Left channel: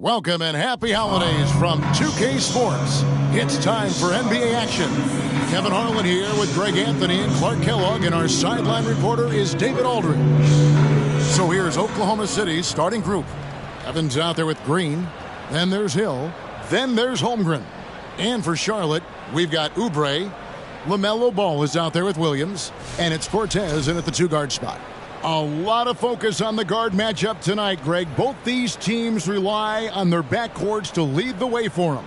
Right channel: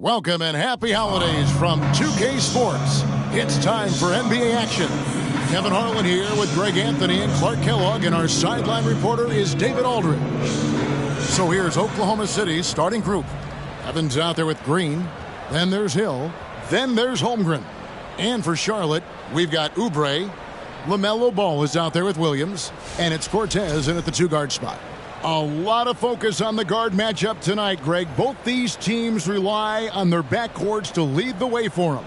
Welcome and happy holidays from 2K Sports. It's time for NBA action. Kevin Harlan here with Greg Anthony and Clark Kellogg, and our sideline reporter is David Aldridge. So here's Oklahoma City's starting group. Evans out there with Green. Then there's Hill. Then there's Holmgren. And for Charlotte, we've got Oubre. LaMelo Ball is out there with Williams. And it's Cortez in at the two-guard spot. A lot of focus on the guard matchup tonight, Greg. Both these teams rely on their backcourts to lead the way for them.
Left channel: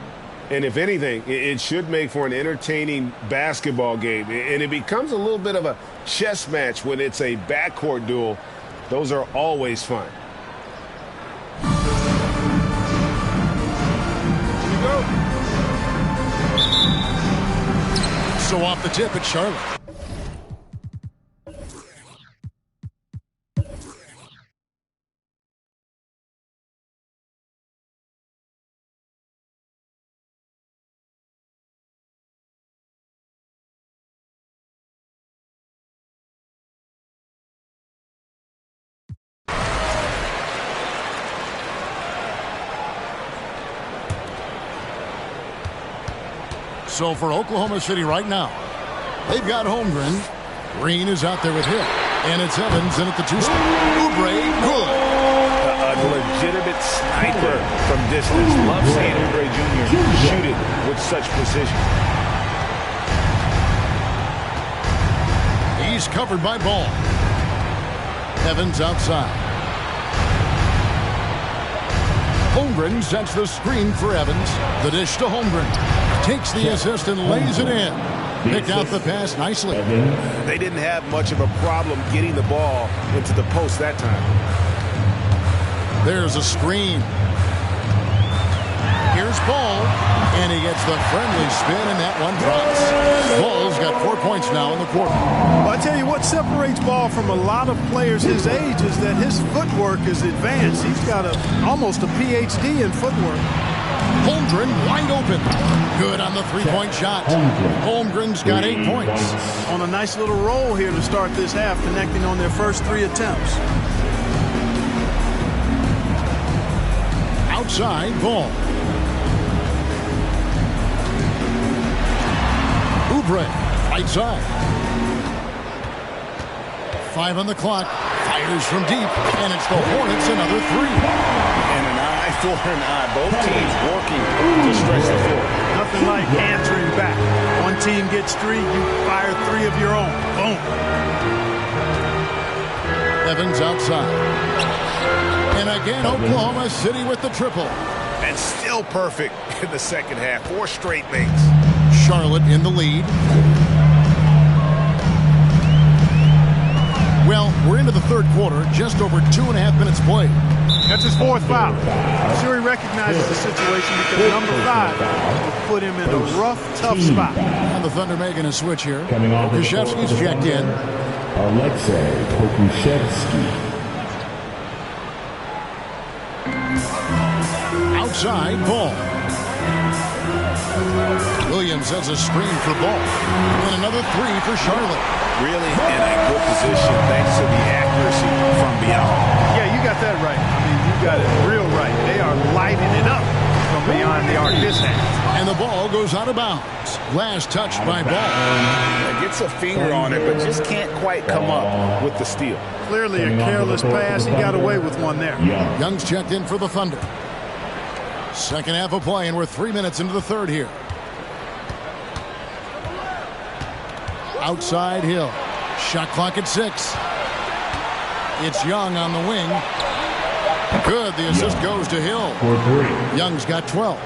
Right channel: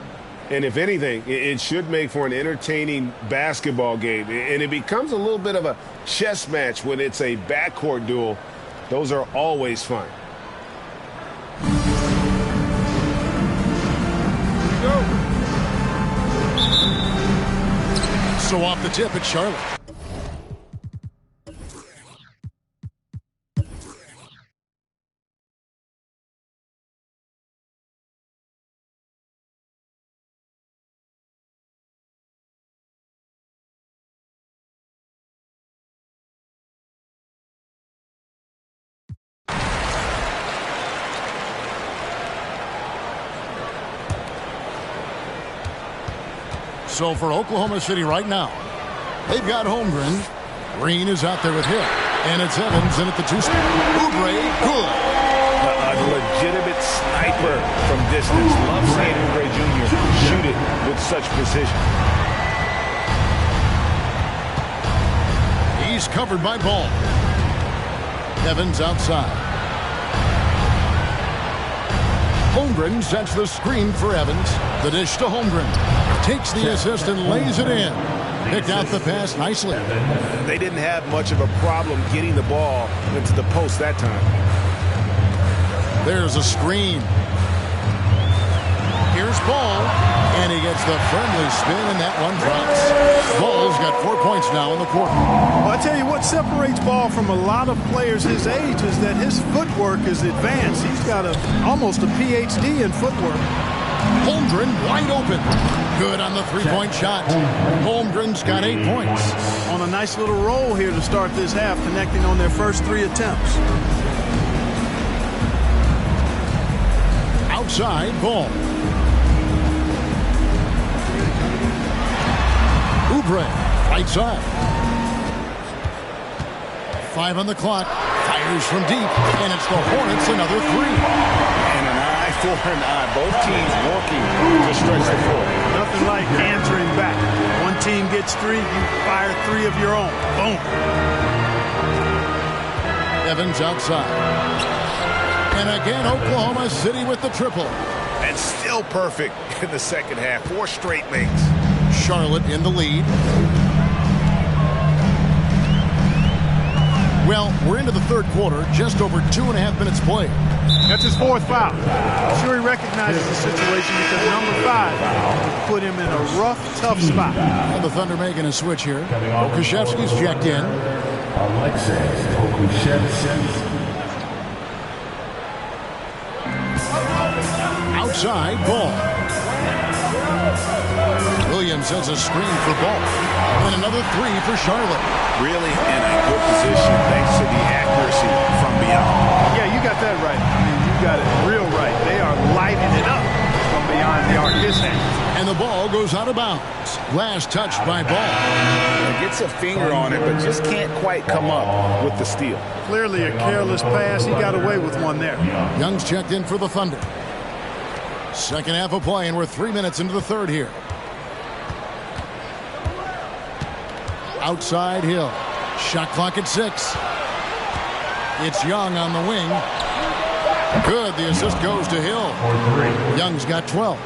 And if anything, it should make for an entertaining basketball game. And it becomes a little bit of a chess match when it's a backcourt duel. Those are always fun. Here we go. So off the tip, it's Charlotte. So for Oklahoma City right now, they've got Holmgren. Green is out there with Hill. And it's Evans in at the two spot. Oubre, good. A legitimate sniper from distance. Love seeing Oubre Jr. shoot it with such precision. He's covered by Ball. Evans outside. Holmgren sets the screen for Evans. The dish to Holmgren. Takes the assist and lays it in. Picked out the pass nicely. They didn't have much of a problem getting the ball into the post that time. There's a screen. Here's Ball. And he gets the friendly spin, and that one drops. Ball's got 4 points now in the quarter. Well, I tell you what separates Ball from a lot of players his age is that his footwork is advanced. He's got almost a PhD in footwork. Holmgren wide open. Good on the three-point shot. Holmgren's got 8 points. On a nice little roll here to start this half, connecting on their first 3 attempts. Outside, Ball. Oubre, right side. 5 on the clock. Fires from deep, and it's the Hornets another 3. And an eye for an eye. Both teams working to stretch the floor. Nothing like answering back. One team gets 3, you fire 3 of your own. Boom. Evans outside. And again, Oklahoma City with the triple. And still perfect in the second half. 4 straight makes. Charlotte in the lead. Well, we're into the third quarter, just over 2.5 minutes played. That's his 4th foul. I'm sure he recognizes the situation because number 5 will put him in a rough, tough spot. And the Thunder making a switch here. Pokusevski's checked in. Aleksej Pokusevski. Outside, Ball. Williams has a screen for Ball. And another 3 for Charlotte. Really in a good position thanks to the accuracy from beyond. Yeah, you got that right. I mean, you got it real right. They are lighting it up from beyond the arc this half. And the ball goes out of bounds. Last touch by Ball. Gets a finger on it, but just can't quite come up with the steal. Clearly a careless pass. He got away with one there. Young's checked in for the Thunder. Second half of play, and we're 3 minutes into the third here. Outside Hill. Shot clock at 6. It's Young on the wing. Good. The assist goes to Hill. Young's got 12.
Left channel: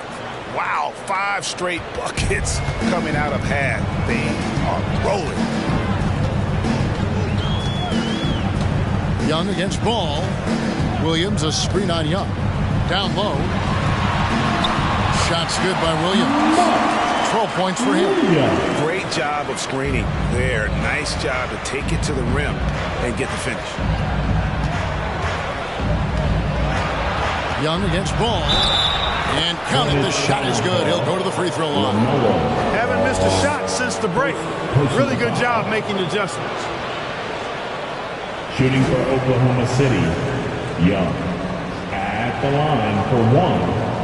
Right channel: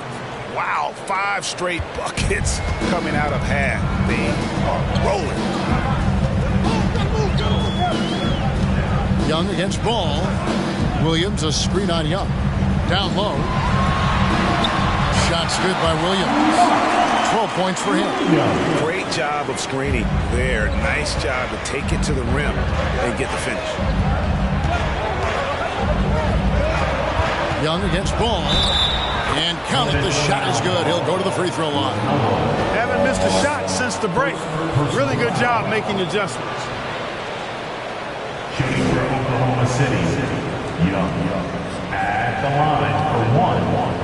Wow, 5 straight buckets coming out of half. They are rolling. Young against Ball. Williams a screen on Young. Down low. Shot's good by Williams. 12 points for him. Great job of screening there. Nice job to take it to the rim and get the finish. Young against Ball. And count it. The shot is good. He'll go to the free throw line. Haven't missed a shot since the break. Really good job making adjustments. Shooting for Oklahoma City, Young. At the line for one.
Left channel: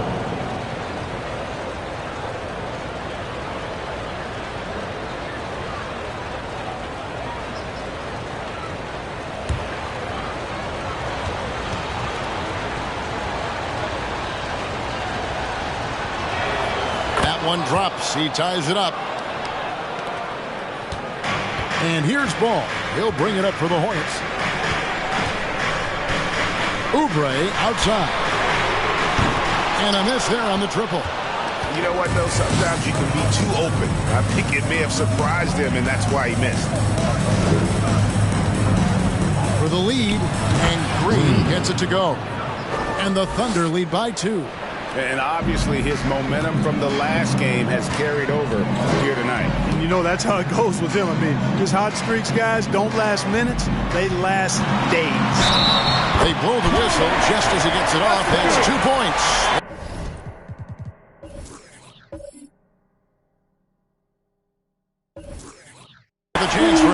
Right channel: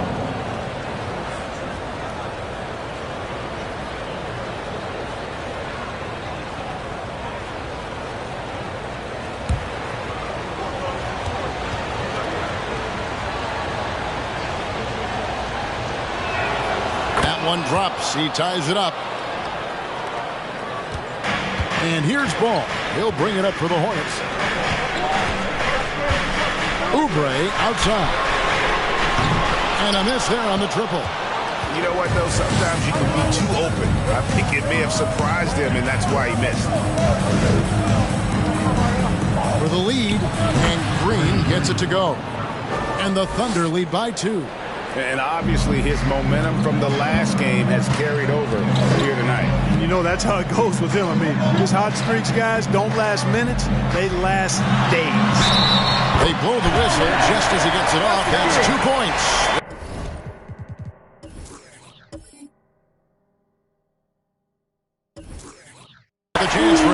One drops. He ties it up. And here's ball. He'll bring it up for the Hornets. Oubre outside. And a miss there on the triple. You know what, though? Sometimes you can be too open. I think it may have surprised him, and that's why he missed. For the lead, and Green gets it to go. And the Thunder lead by 2. And obviously his momentum from the last game has carried over here tonight. And you know, that's how it goes with him. I mean, his hot streaks, guys, don't last minutes. They last days. They blow the whistle just as he gets it off. That's 2 points. The chance for...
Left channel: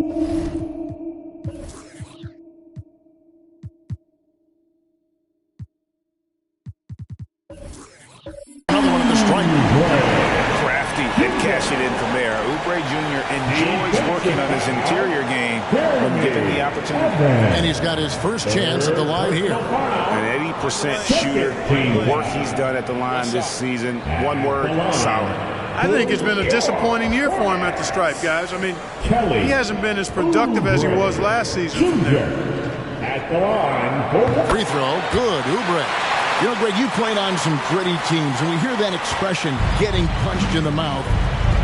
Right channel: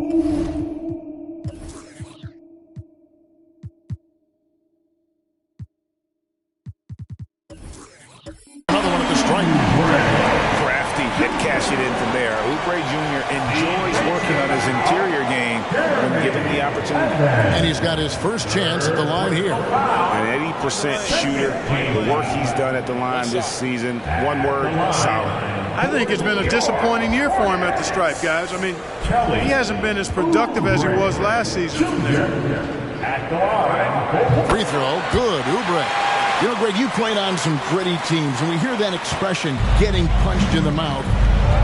Another one at the stripe. Crafty at cashing in from there. Oubre Jr. enjoys working on his interior game when given the opportunity. And he's got his first chance at the line here. An 80% shooter. The work he's done at the line this season, one word, solid. I think it's been a disappointing year for him at the stripe, guys. I mean, he hasn't been as productive as he was last season from there. At the line. Free throw, good, Oubre. You know, Greg, you played on some gritty teams, and we hear that expression, getting punched in the mouth,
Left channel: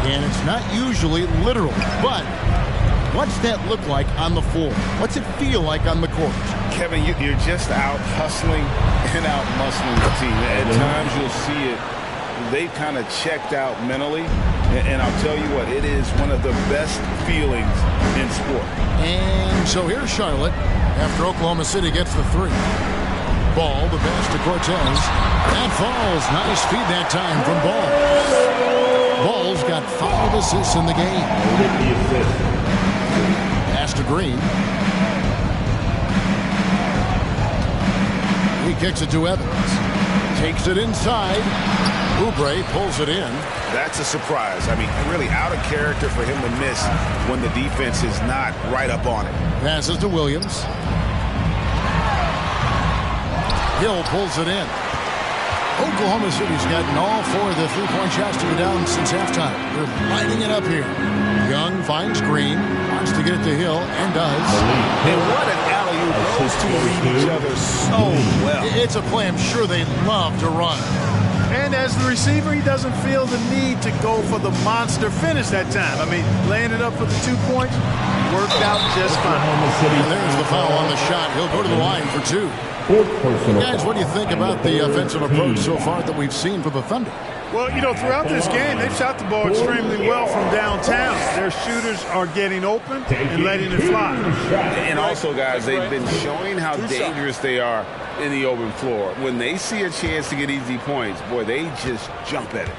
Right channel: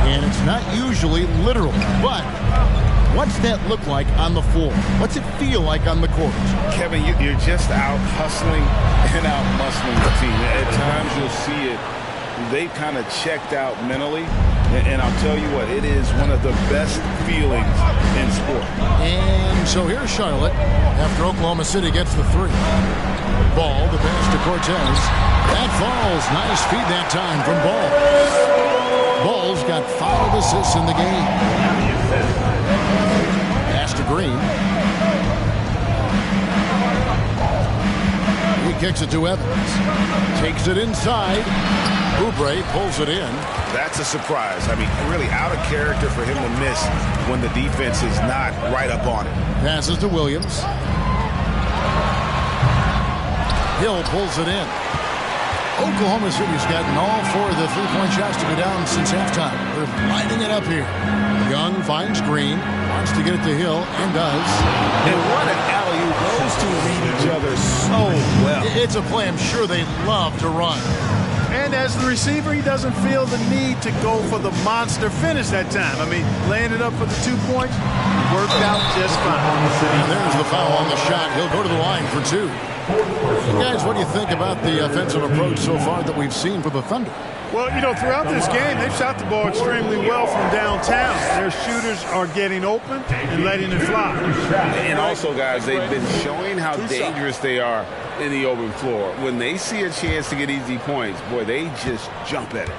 and it's not usually literal. But what's that look like on the floor? What's it feel like on the court? Kevin, you're just out hustling and out muscling the team. At times you'll see it. They've kind of checked out mentally, and I'll tell you what, it is one of the best feelings in sport. And so here's Charlotte after Oklahoma City gets the 3. Ball, the pass to Cortez. That falls. Nice feed that time from Ball. Ball's got 5 assists in the game. Pass to Green. He kicks it to Evans. Takes it inside. Oubre pulls it in. That's a surprise. I mean, really out of character for him to miss when the defense is not right up on it. Passes to Williams. Hill pulls it in. Oklahoma City's gotten all 4 of the 3-point shots to go down since halftime. They're lighting it up here. Young finds Green, wants to get it to Hill, and does. And what an alley-oop. Those two read each other so well. It's a play I'm sure they love to run. And as the receiver, he doesn't feel the need to go for the monster finish that time. I mean, laying it up for the 2 points worked out just fine. And there's the foul on the shot. He'll go to the line for 2. Guys, what do you think about the offensive approach so far that we've seen for the Thunder? Well, you know, throughout this game, they've shot the ball extremely well from downtown. Their shooters are getting open and letting it fly. And also, guys, they've been showing how dangerous they are in the open floor. When they see a chance to get easy points, boy, they just jump at it.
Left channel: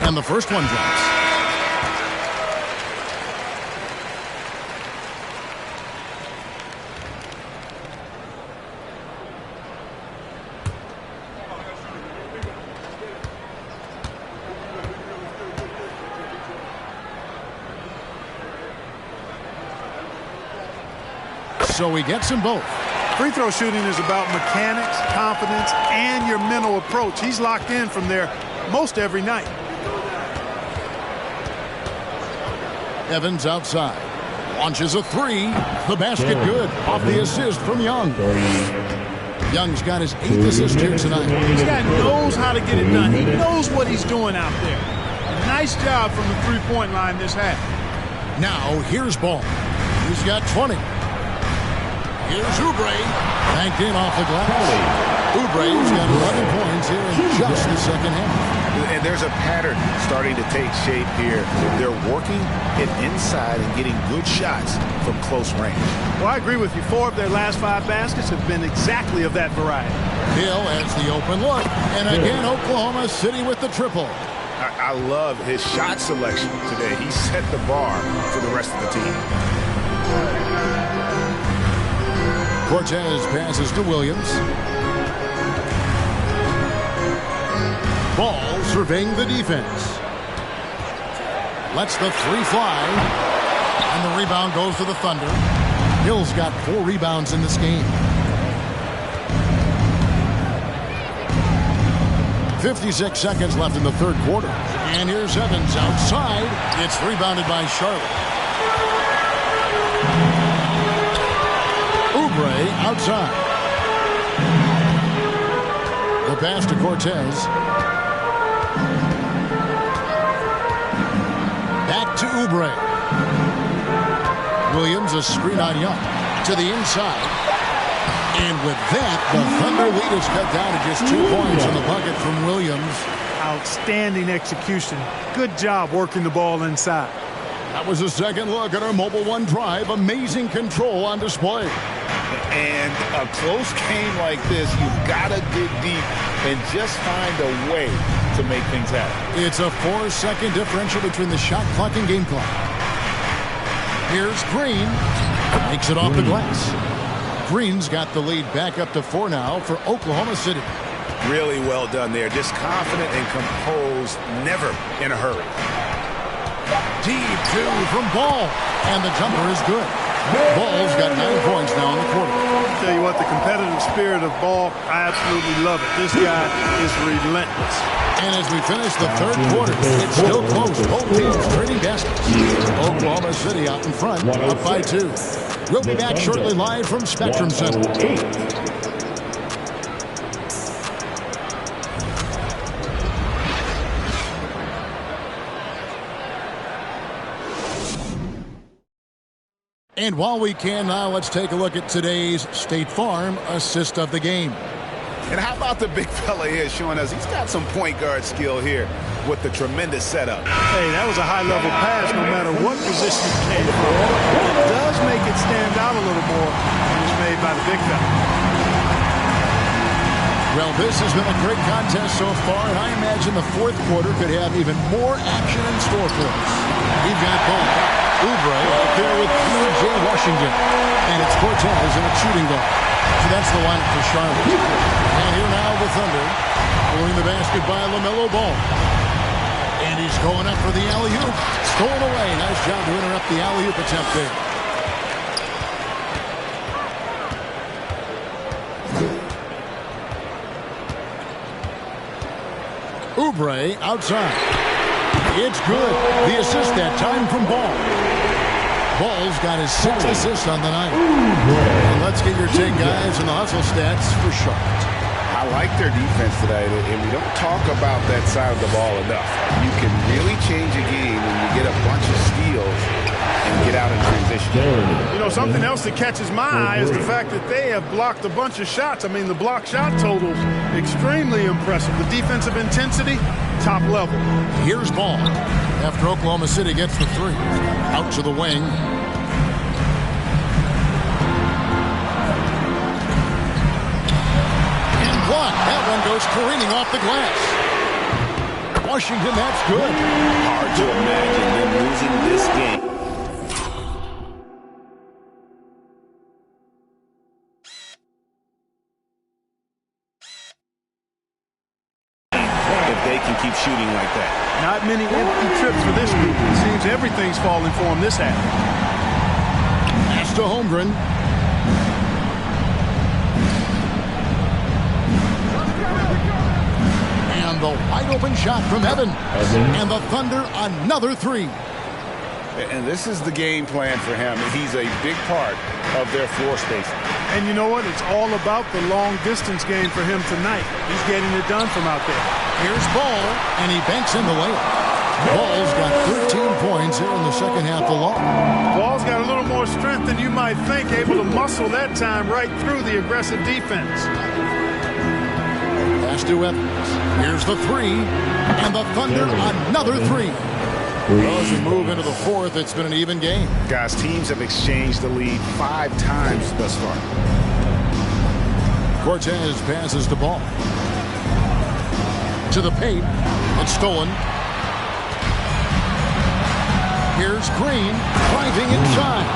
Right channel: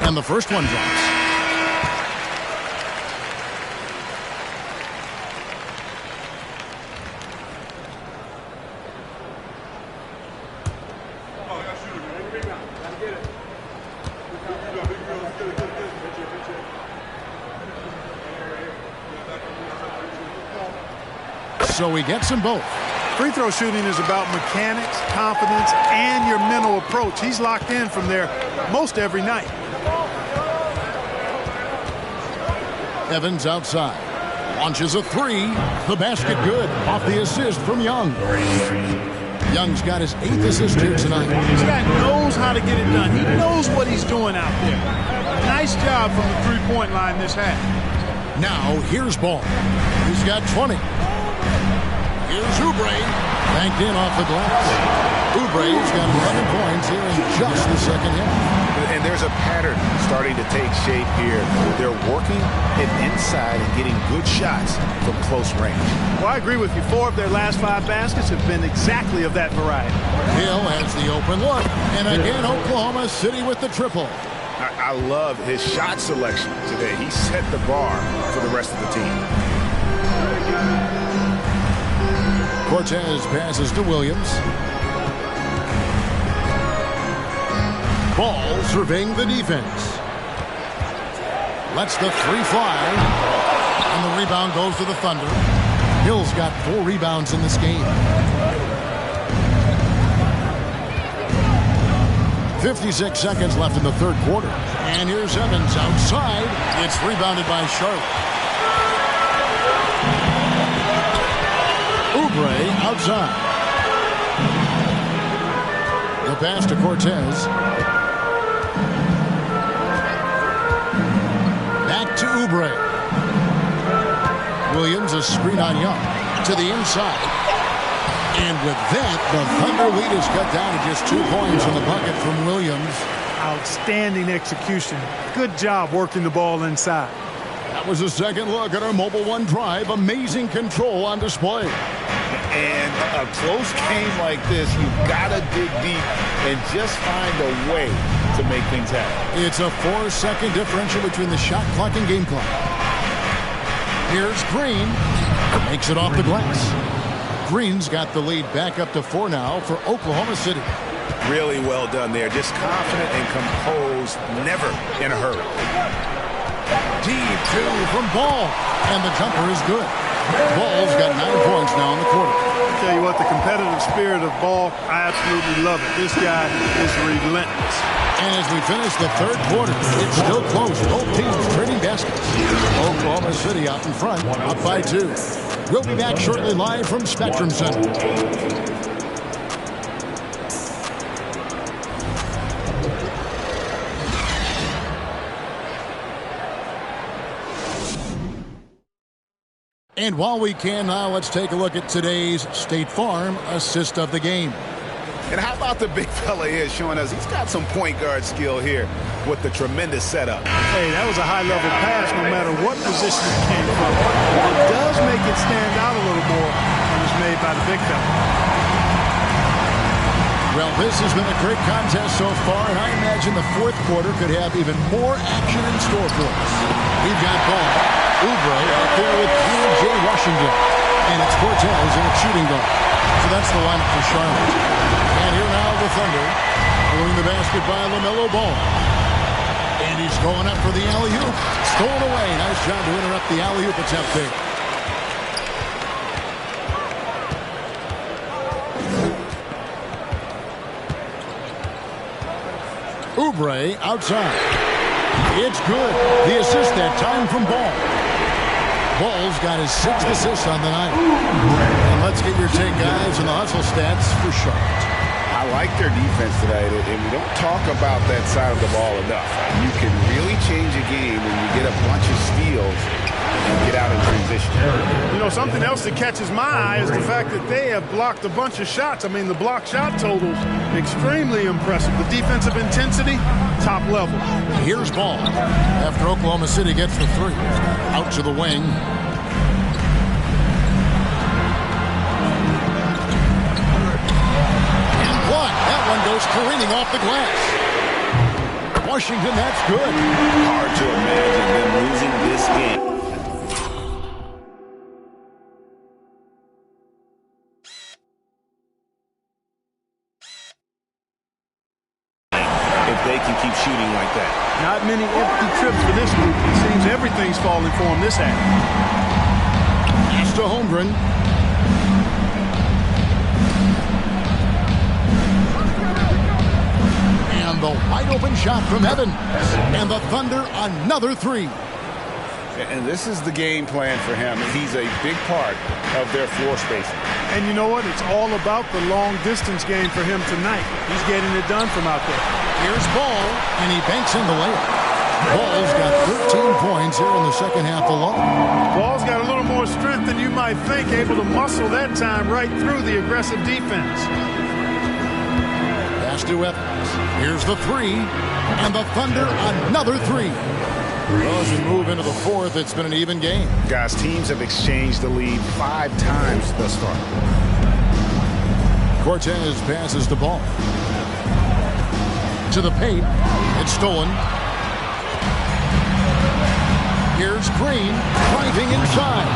And the first one drops. So he gets them both. Free throw shooting is about mechanics, confidence, and your mental approach. He's locked in from there most every night. Evans outside. Launches a 3. The basket good. Off the assist from Young. Young's got his 8th assist here tonight. This guy knows how to get it done. He knows what he's doing out there. A nice job from the three-point line this half. Now here's Ball. He's got 20. Here's Oubre. Banked in off the glass. Oubre's got 11 points here in just the second half. And there's a pattern starting to take shape here. They're working it inside and getting good shots from close range. Well, I agree with you. 4 of their last 5 baskets have been exactly of that variety. Hill has the open look. And again, Oklahoma City with the triple. I love his shot selection today. He set the bar for the rest of the team. Cortez passes to Williams. Ball surveying the defense. Lets the three fly. And the rebound goes to the Thunder. Hill's got 4 rebounds in this game. 56 seconds left in the third quarter. And here's Evans outside. It's rebounded by Charlotte. Oubre outside. The pass to Cortez. Back to Oubre. Williams, a screen on Young. To the inside. And with that, the Thunder lead is cut down to just 2 points in the bucket from Williams. Outstanding execution. Good job working the ball inside. That was a second look at our Mobile One drive. Amazing control on display. And a close game like this, you've got to dig deep and just find a way to make things happen. It's a 4-second differential between the shot clock and game clock. Here's Green. Makes it off the glass. Green's got the lead back up to 4 now for Oklahoma City. Really well done there. Just confident and composed, never in a hurry. Deep 2 from Ball. And the jumper is good. Ball's got 9 points now in the quarter. I'll tell you what, the competitive spirit of Ball, I absolutely love it. This guy is relentless. And as we finish the third quarter, it's still close. Both teams trading baskets. Oklahoma City out in front, up by 2. We'll be back shortly live from Spectrum Center. And while we can now, let's take a look at today's State Farm assist of the game. And how about the big fella here showing us he's got some point guard skill here with the tremendous setup. Hey, that was a high-level pass no matter what position it came from. It does make it stand out a little more when it's made by the big fella. Well, this has been a great contest so far, and I imagine the fourth quarter could have even more action in store for us. We've got Ball, Oubre out there with P.J. Washington, and it's Cortez in a shooting guard. So that's the lineup for Charlotte. And here now the Thunder, following the basket by LaMelo Ball. And he's going up for the alley-oop. Stolen away. Nice job to interrupt the alley-oop attempt there. Oubre outside. It's good. The assist that time from Ball. Ball's got his 6th assist on the night. And let's get your take, guys, on the hustle stats for Charlotte. I like their defense today, and we don't talk about that side of the ball enough. You can really change a game when you get a bunch of steals and get out in transition. You know, something else that catches my eye is the fact that they have blocked a bunch of shots. I mean, the block shot totals, extremely impressive. The defensive intensity, top level. Here's Ball after Oklahoma City gets the 3. Out to the wing. And blocked. That one goes careening off the glass. Washington, that's good. Hard to imagine them losing this game. If they can keep shooting like that. Not many empty trips for this group. It seems everything's falling for them this half. Pass to Holmgren. And the wide open shot from Evans. And the Thunder another 3. And this is the game plan for him. He's a big part of their floor spacing. And you know what? It's all about the long distance game for him tonight. He's getting it done from out there. Here's Ball, and he banks in the layup. Ball's got 13 points here in the second half alone. Ball's got a little more strength than you might think, able to muscle that time right through the aggressive defense. Pass to Evans. Here's the 3, and the Thunder another 3. Well, as we move into the fourth, it's been an even game. Guys, teams have exchanged the lead 5 times thus far. Cortez passes the ball. To the paint. It's stolen. Here's Green driving inside.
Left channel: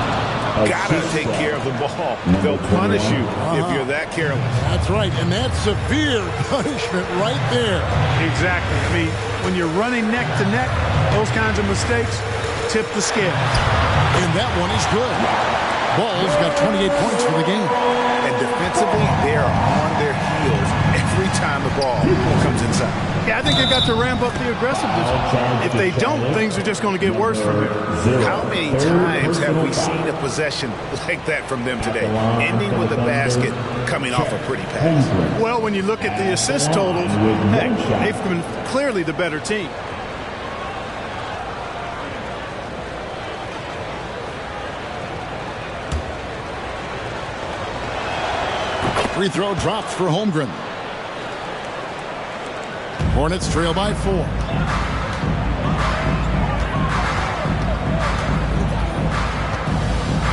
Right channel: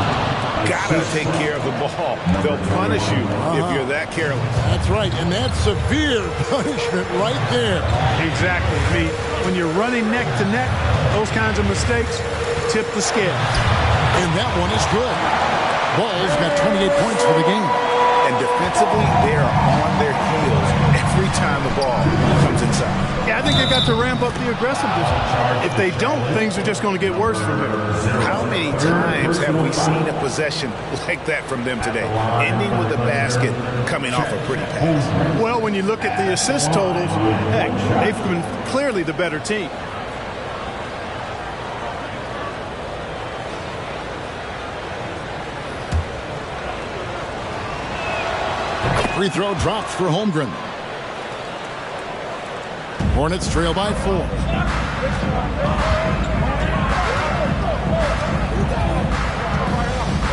Gotta take care of the ball. They'll punish you if you're that careless. That's right, and that's severe punishment right there. Exactly. I mean, when you're running neck to neck, those kinds of mistakes tip the scales. And that one is good. Ball's got 28 points for the game. And defensively, they are on their heels every time the ball comes inside. Yeah, I think they've got to ramp up the aggressiveness. If they don't, things are just going to get worse from here. How many times have we seen a possession like that from them today, ending with a basket coming off a pretty pass? Well, when you look at the assist totals, heck, they've been clearly the better team. Free throw drops for Holmgren. Hornets trail by 4.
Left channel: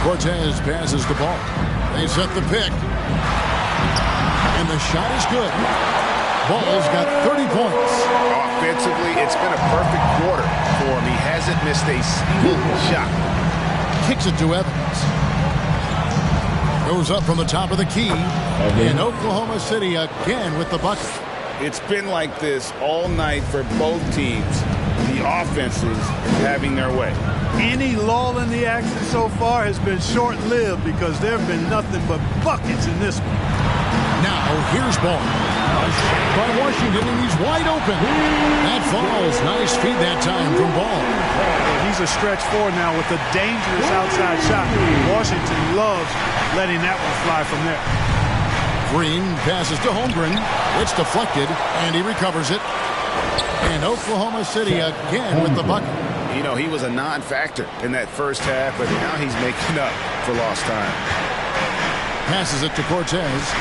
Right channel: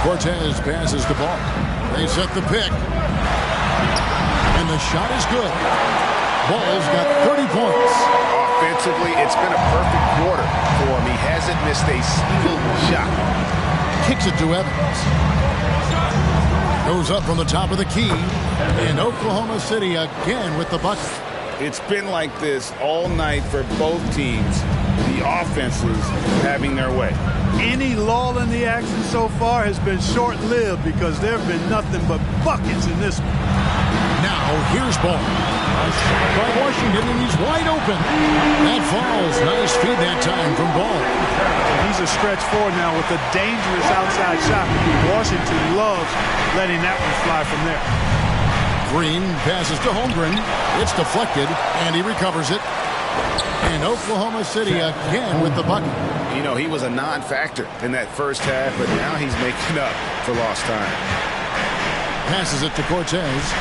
Cortez passes the ball. They set the pick. And the shot is good. Ball's got 30 points. Offensively, it's been a perfect quarter for him. He hasn't missed a single shot. Kicks it to Evans. Goes up from the top of the key. And Oklahoma City again with the bucket. It's been like this all night for both teams. The offenses having their way. Any lull in the action so far has been short-lived because there have been nothing but buckets in this one. Now here's Ball. A shot by Washington, and he's wide open. That falls. Nice feed that time from Ball. And he's a stretch forward now with a dangerous outside shot. Washington loves letting that one fly from there. Green passes to Holmgren. It's deflected, and he recovers it. And Oklahoma City again with the bucket. You know, he was a non-factor in that first half, but now he's making up for lost time. Passes it to Cortez.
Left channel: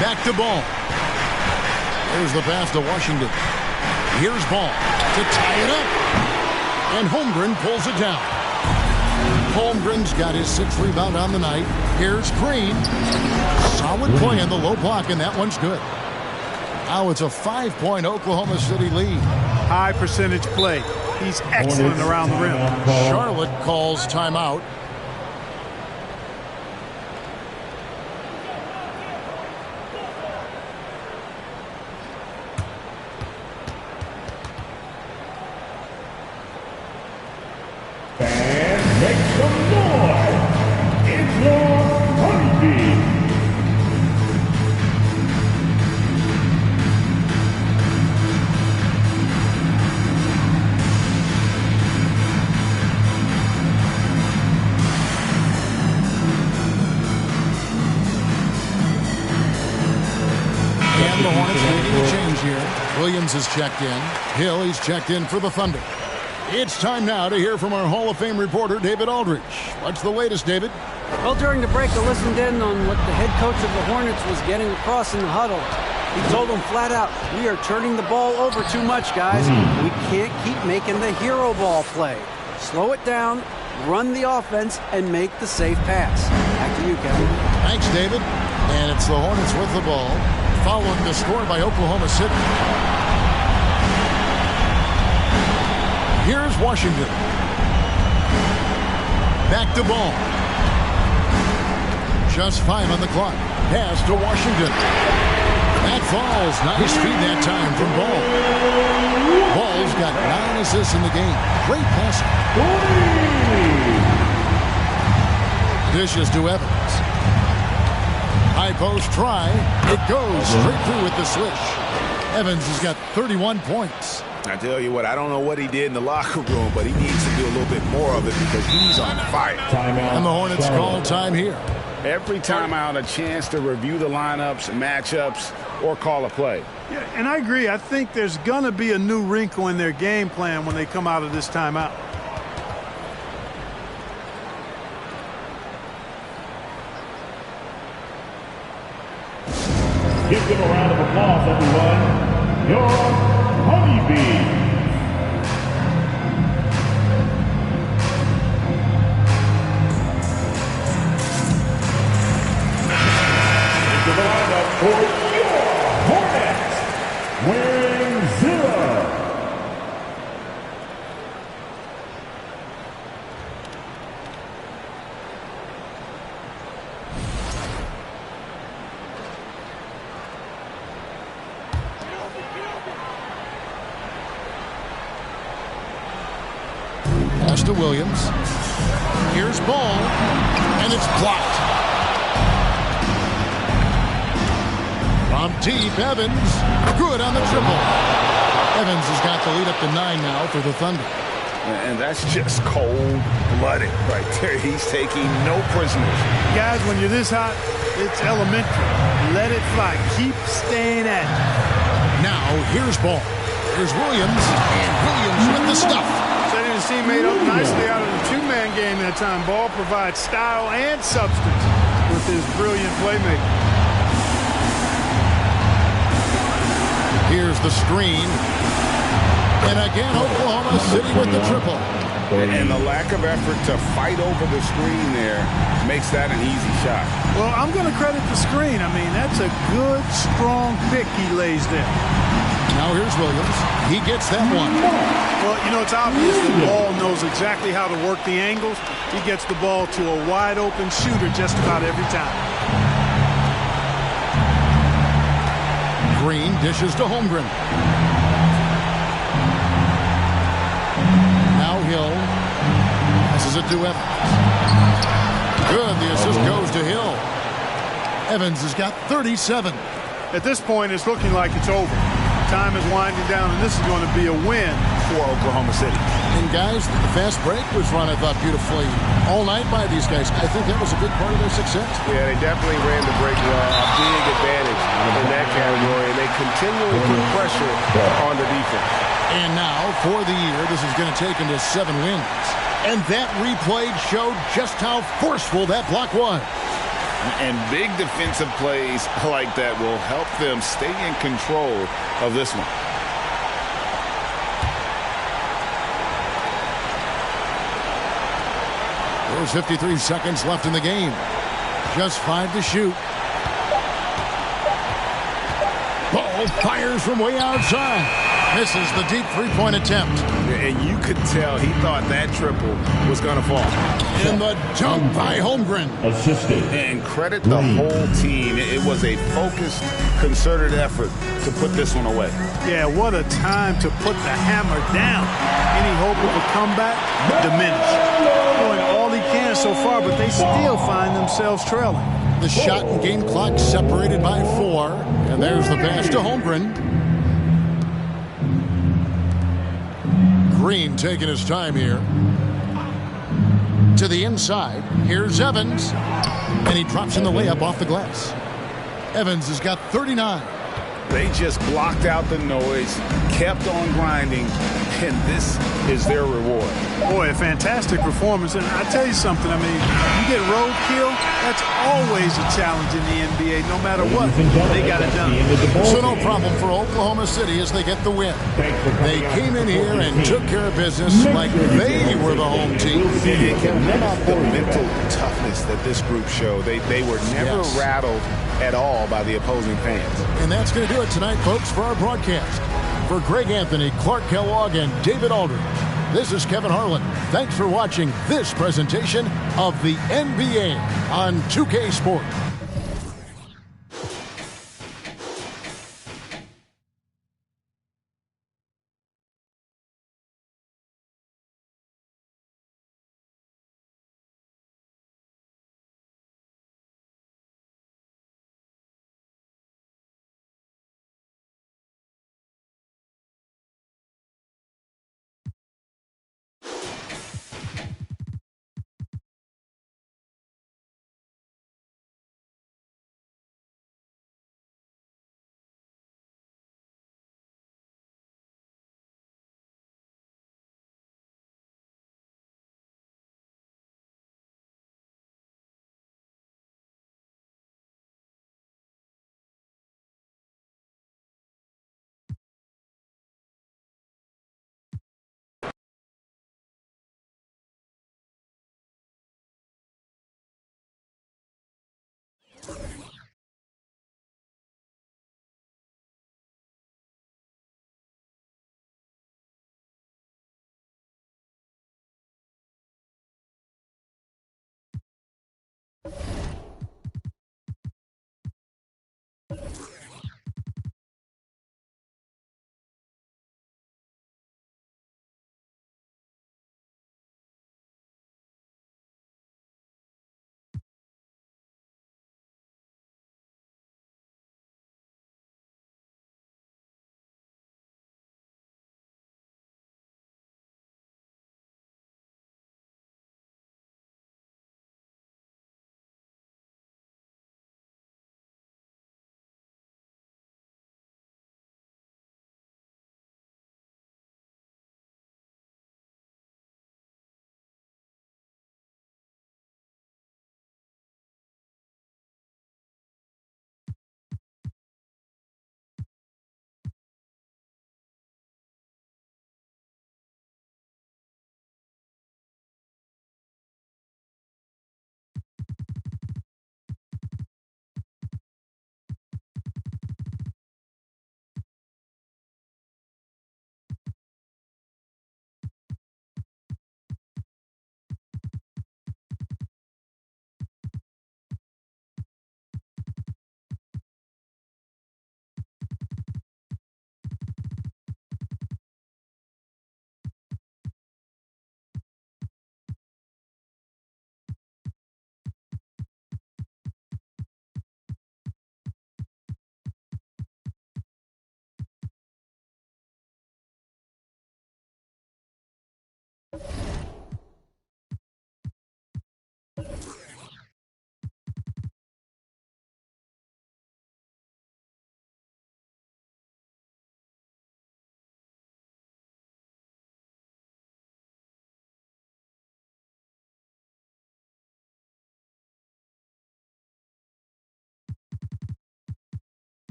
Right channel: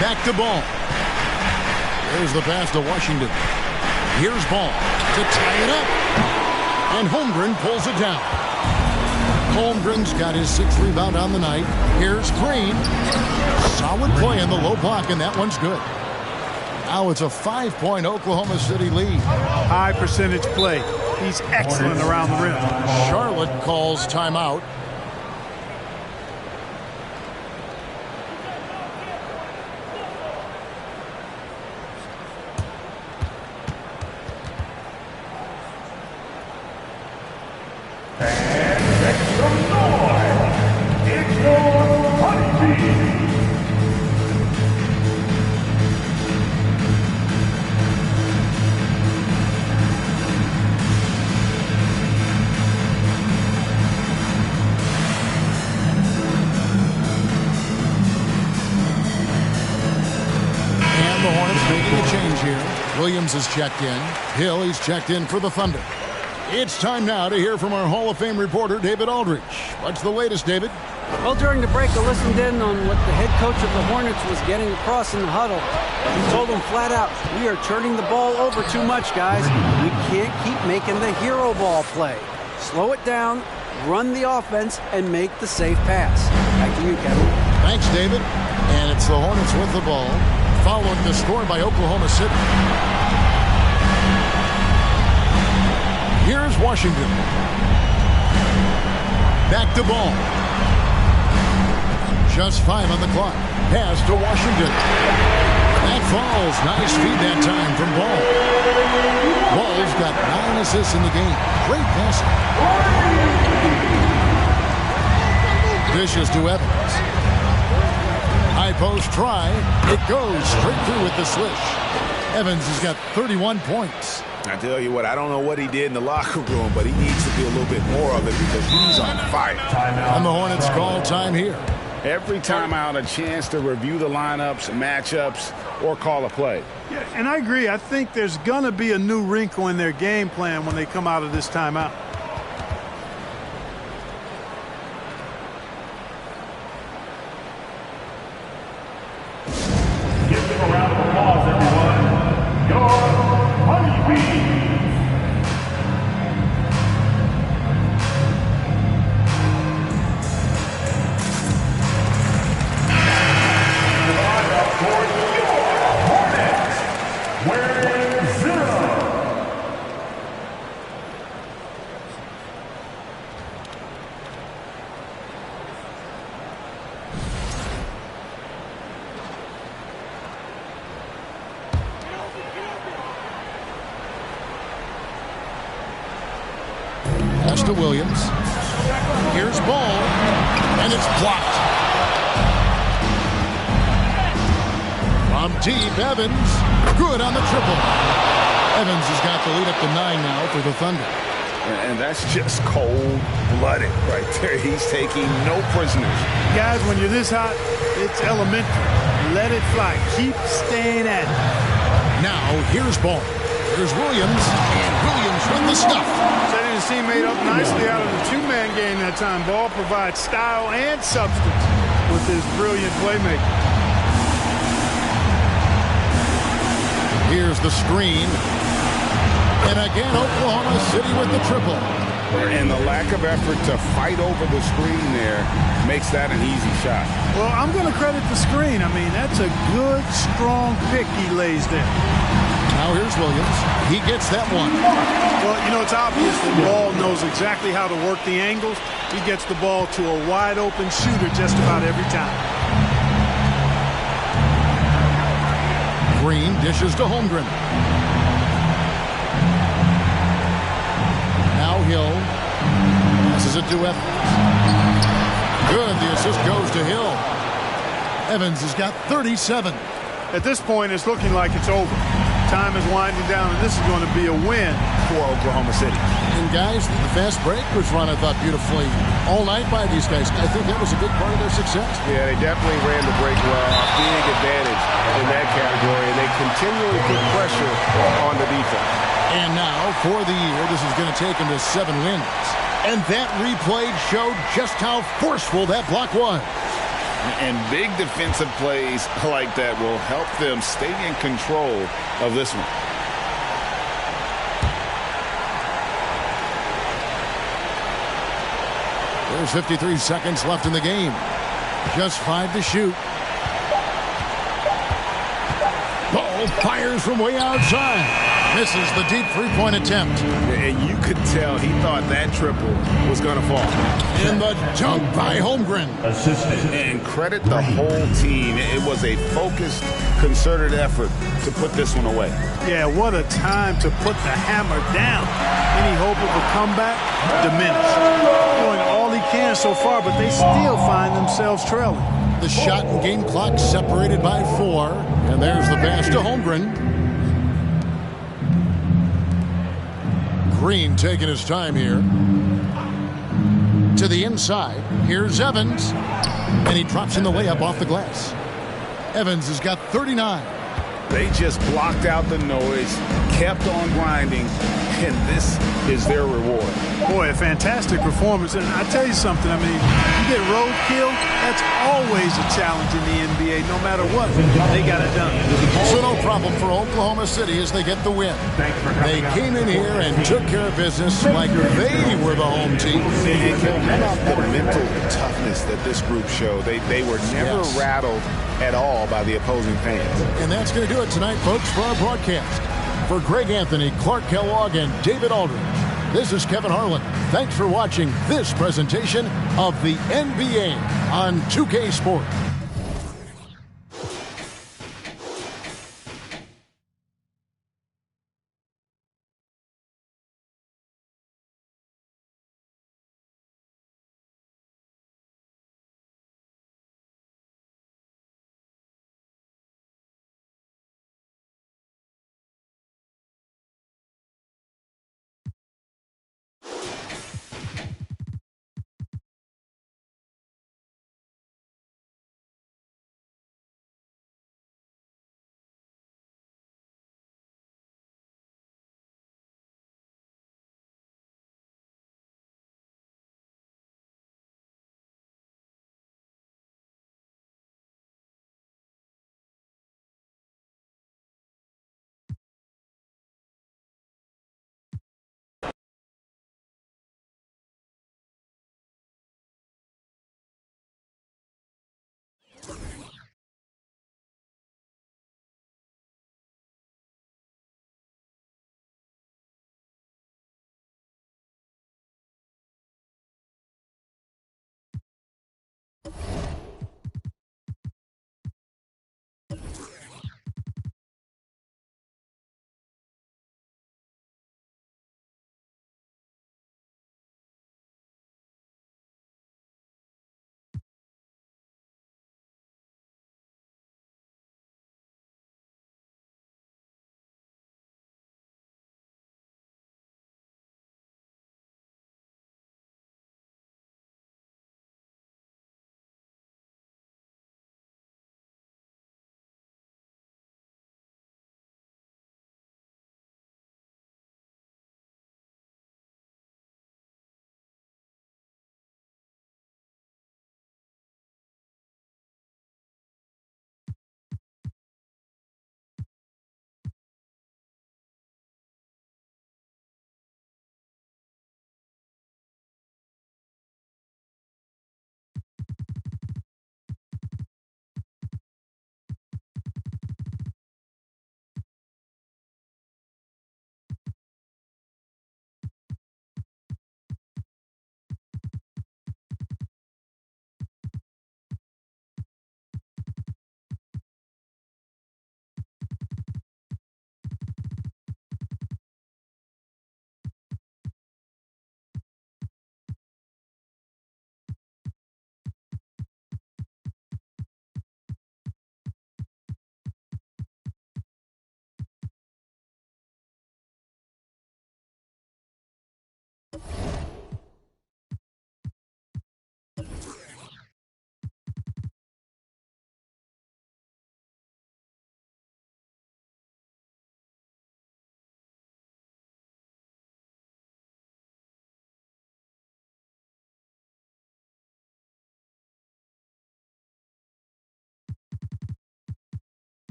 Back to Ball. There's the pass to Washington. Here's Ball to tie it up. And Holmgren pulls it down. Holmgren's got his 6th rebound on the night. Here's Green. Solid play in the low block, and that one's good. Now it's a 5-point Oklahoma City lead. High percentage play. He's excellent around the rim. Charlotte calls timeout. And make some noise. It's your Honeybee. And the Hornets making a change here. Williams is checked in. Hill, he's checked in for the Thunder. It's time now to hear from our Hall of Fame reporter, David Aldridge. What's the latest, David? Well, during the break, I listened in on what the head coach of the Hornets was getting across in the huddle. He told them flat out, we are turning the ball over too much, guys. We can't keep making the hero ball play. Slow it down, run the offense, and make the safe pass. Back to you, Kevin. Thanks, David. And it's the Hornets with the ball, following the score by Oklahoma City. Here's Washington. Back to Ball. Just 5 on the clock. Pass to Washington. That falls. Nice feed that time from Ball. Ball's got 9 assists in the game. Great passing. Dishes to Evans. High post try. It goes straight through with the swish. Evans has got 31 points. I tell you what, I don't know what he did in the locker room, but he needs to do a little bit more of it because he's on fire. And the Hornets call time here. Every time out, a chance to review the lineups, matchups, or call a play. Yeah, and I agree. I think there's going to be a new wrinkle in their game plan when they come out of this timeout. Give them a round of applause, everyone. Your Honeybee. Into the lineup for your Hornets, wearing 0. pass to Williams. Here's Ball, and it's blocked. From deep, Evans, good on the triple. Evans has got the lead up to 9 now for the Thunder. And that's just cold-blooded right there. He's taking no prisoners. Guys, when you're this hot, it's elementary. Let it fly. Keep staying at it. Now, here's Ball. Here's Williams, and Williams with the stuff. Setting his teammate up nicely out of the two-man game that time. Ball provides style and substance with his brilliant playmaking. Here's the screen. And again, Oklahoma City with the triple. And the lack of effort to fight over the screen there makes that an easy shot. Well, I'm going to credit the screen. I mean, that's a good, strong pick he lays there. Now here's Williams. He gets that one. Well, you know, it's obvious that Ball knows exactly how to work the angles. He gets the ball to a wide-open shooter just about every time. Green dishes to Holmgren. Now Hill passes it to Evans. Good. The assist goes to Hill. Evans has got 37. At this point, it's looking like it's over. Time is winding down, and this is going to be a win for Oklahoma City. And guys, the fast break was run, I thought, beautifully all night by these guys. I think that was a big part of their success. Yeah, they definitely ran the break well. A big advantage in that category, and they continually put pressure on the defense. And now, for the year, this is going to take them to 7 wins. And that replay showed just how forceful that block was. And big defensive plays like that will help them stay in control of this one. There's 53 seconds left in the game. Just 5 to shoot. Ball fires from way outside. Misses the deep three-point attempt. And you could tell he thought that triple was going to fall. In the dunk by Holmgren. Assisted. And credit the whole team. It was a focused, concerted effort to put this one away. Yeah, what a time to put the hammer down. Any hope of a comeback? Diminished. Doing all he can so far, but they still find themselves trailing. The shot and game clock separated by 4. And there's the pass to Holmgren. Green taking his time here. To the inside. Here's Evans. And he drops in the layup off the glass. Evans has got 39. They just blocked out the noise, kept on grinding, and this is their reward. Boy, a fantastic performance. And I tell you something, I mean, you get roadkill, that's always a challenge in the NBA. No matter what, they got it done. So no problem for Oklahoma City as they get the win. They came in here and took care of business like they were the home team. And how about the mental toughness that this group showed? They were never rattled at all by the opposing fans. And that's going to do it tonight, folks, for our broadcast. For Greg Anthony, Clark Kellogg, and David Aldridge, this is Kevin Harlan. Thanks for watching this presentation of the NBA on 2K Sports.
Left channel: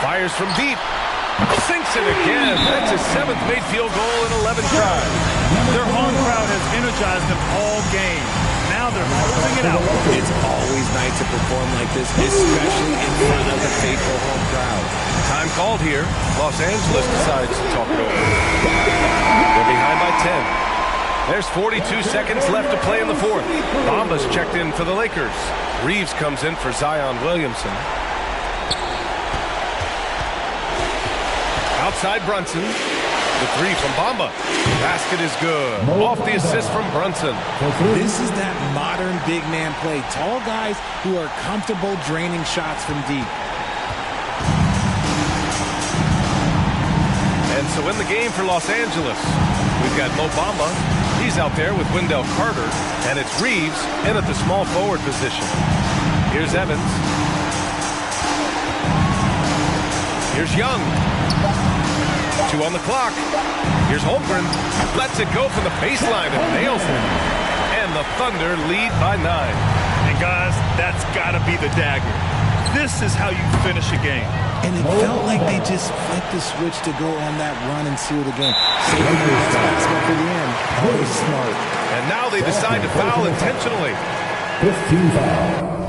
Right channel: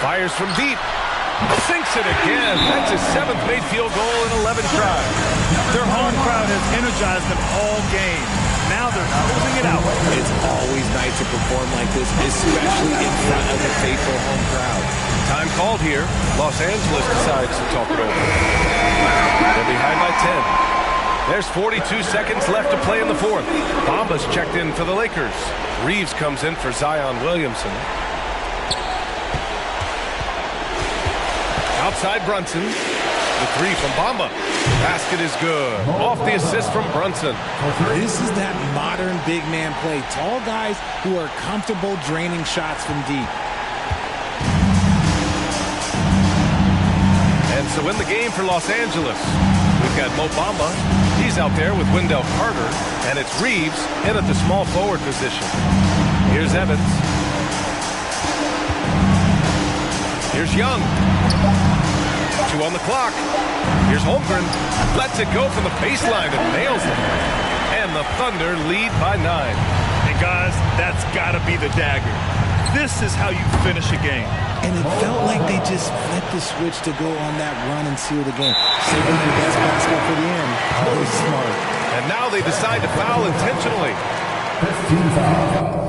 Fires from deep. Sinks it again. That's his 7th made field goal in 11 tries. Their home crowd has energized them all game. Now they're closing it out. It's always nice to perform like this, especially in front of the faithful home crowd. Time called here. Los Angeles decides to talk it over. They're behind by 10. There's 42 seconds left to play in the 4th. Bamba's checked in for the Lakers. Reeves comes in for Zion Williamson. Outside Brunson. The 3 from Bamba. Basket is good. Off the assist from Brunson. This is that modern big man play. Tall guys who are comfortable draining shots from deep. And so in the game for Los Angeles, we've got Mo Bamba. He's out there with Wendell Carter. And it's Reeves in at the small forward position. Here's Evans. Here's Young. 2 on the clock. Here's Holmgren. Lets it go from the baseline and nails it. And the Thunder lead by 9. And guys, that's got to be the dagger. This is how you finish a game. And it felt like they just flipped the switch to go on that run and seal the game. Saving their best basketball for the end. Always smart. And now they decide to foul intentionally. 15 foul.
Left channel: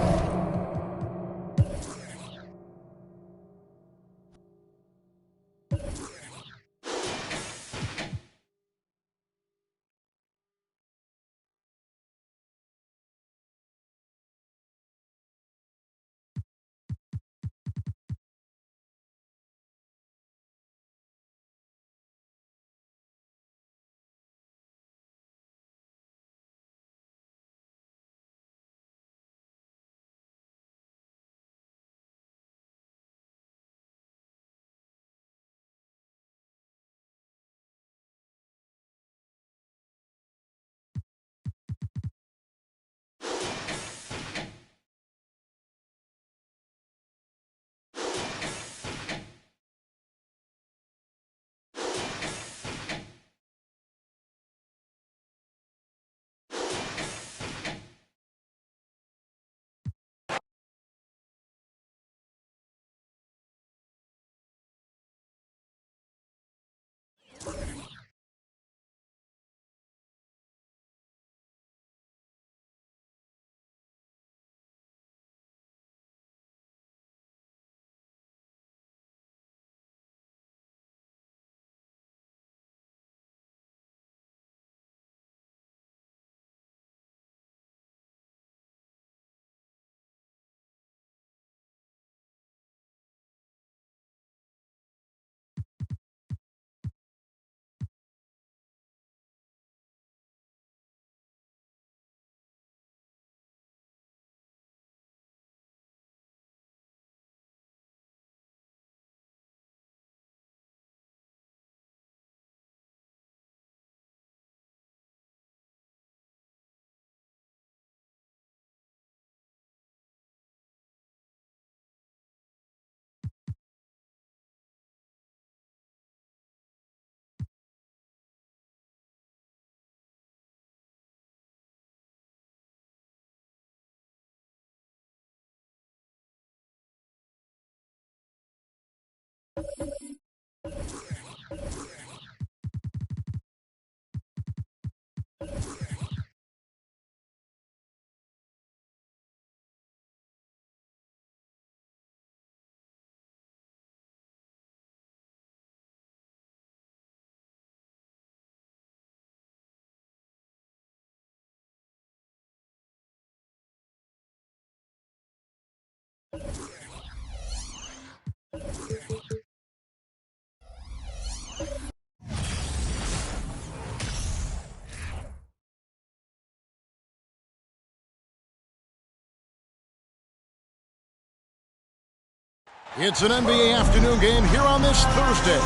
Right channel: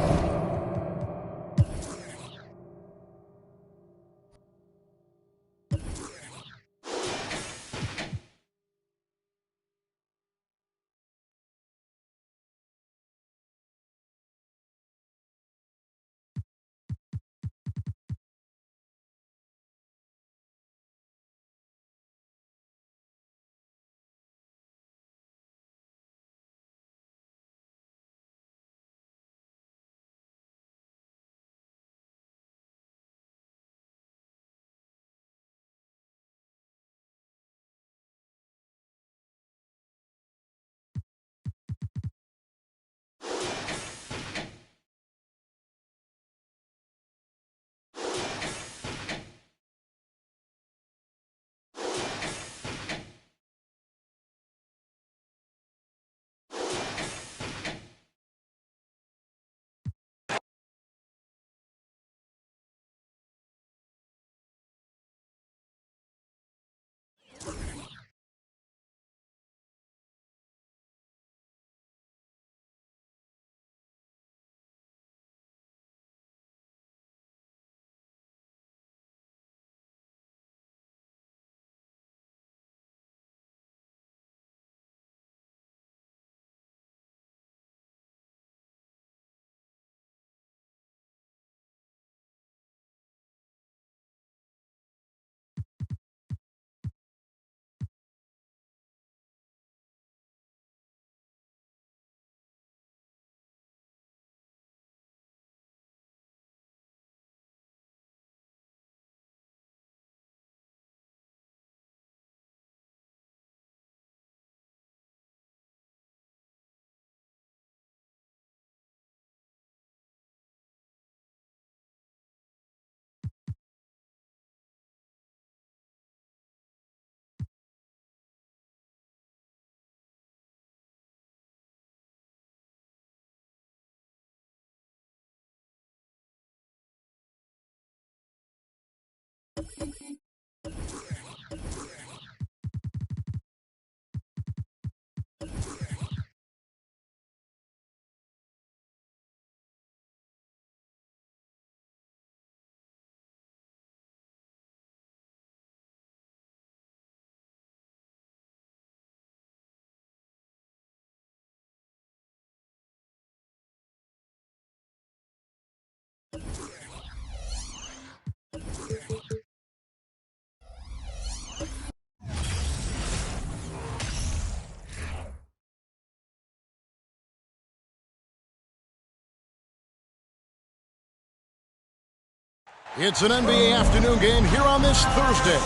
It's an NBA afternoon game here on this Thursday.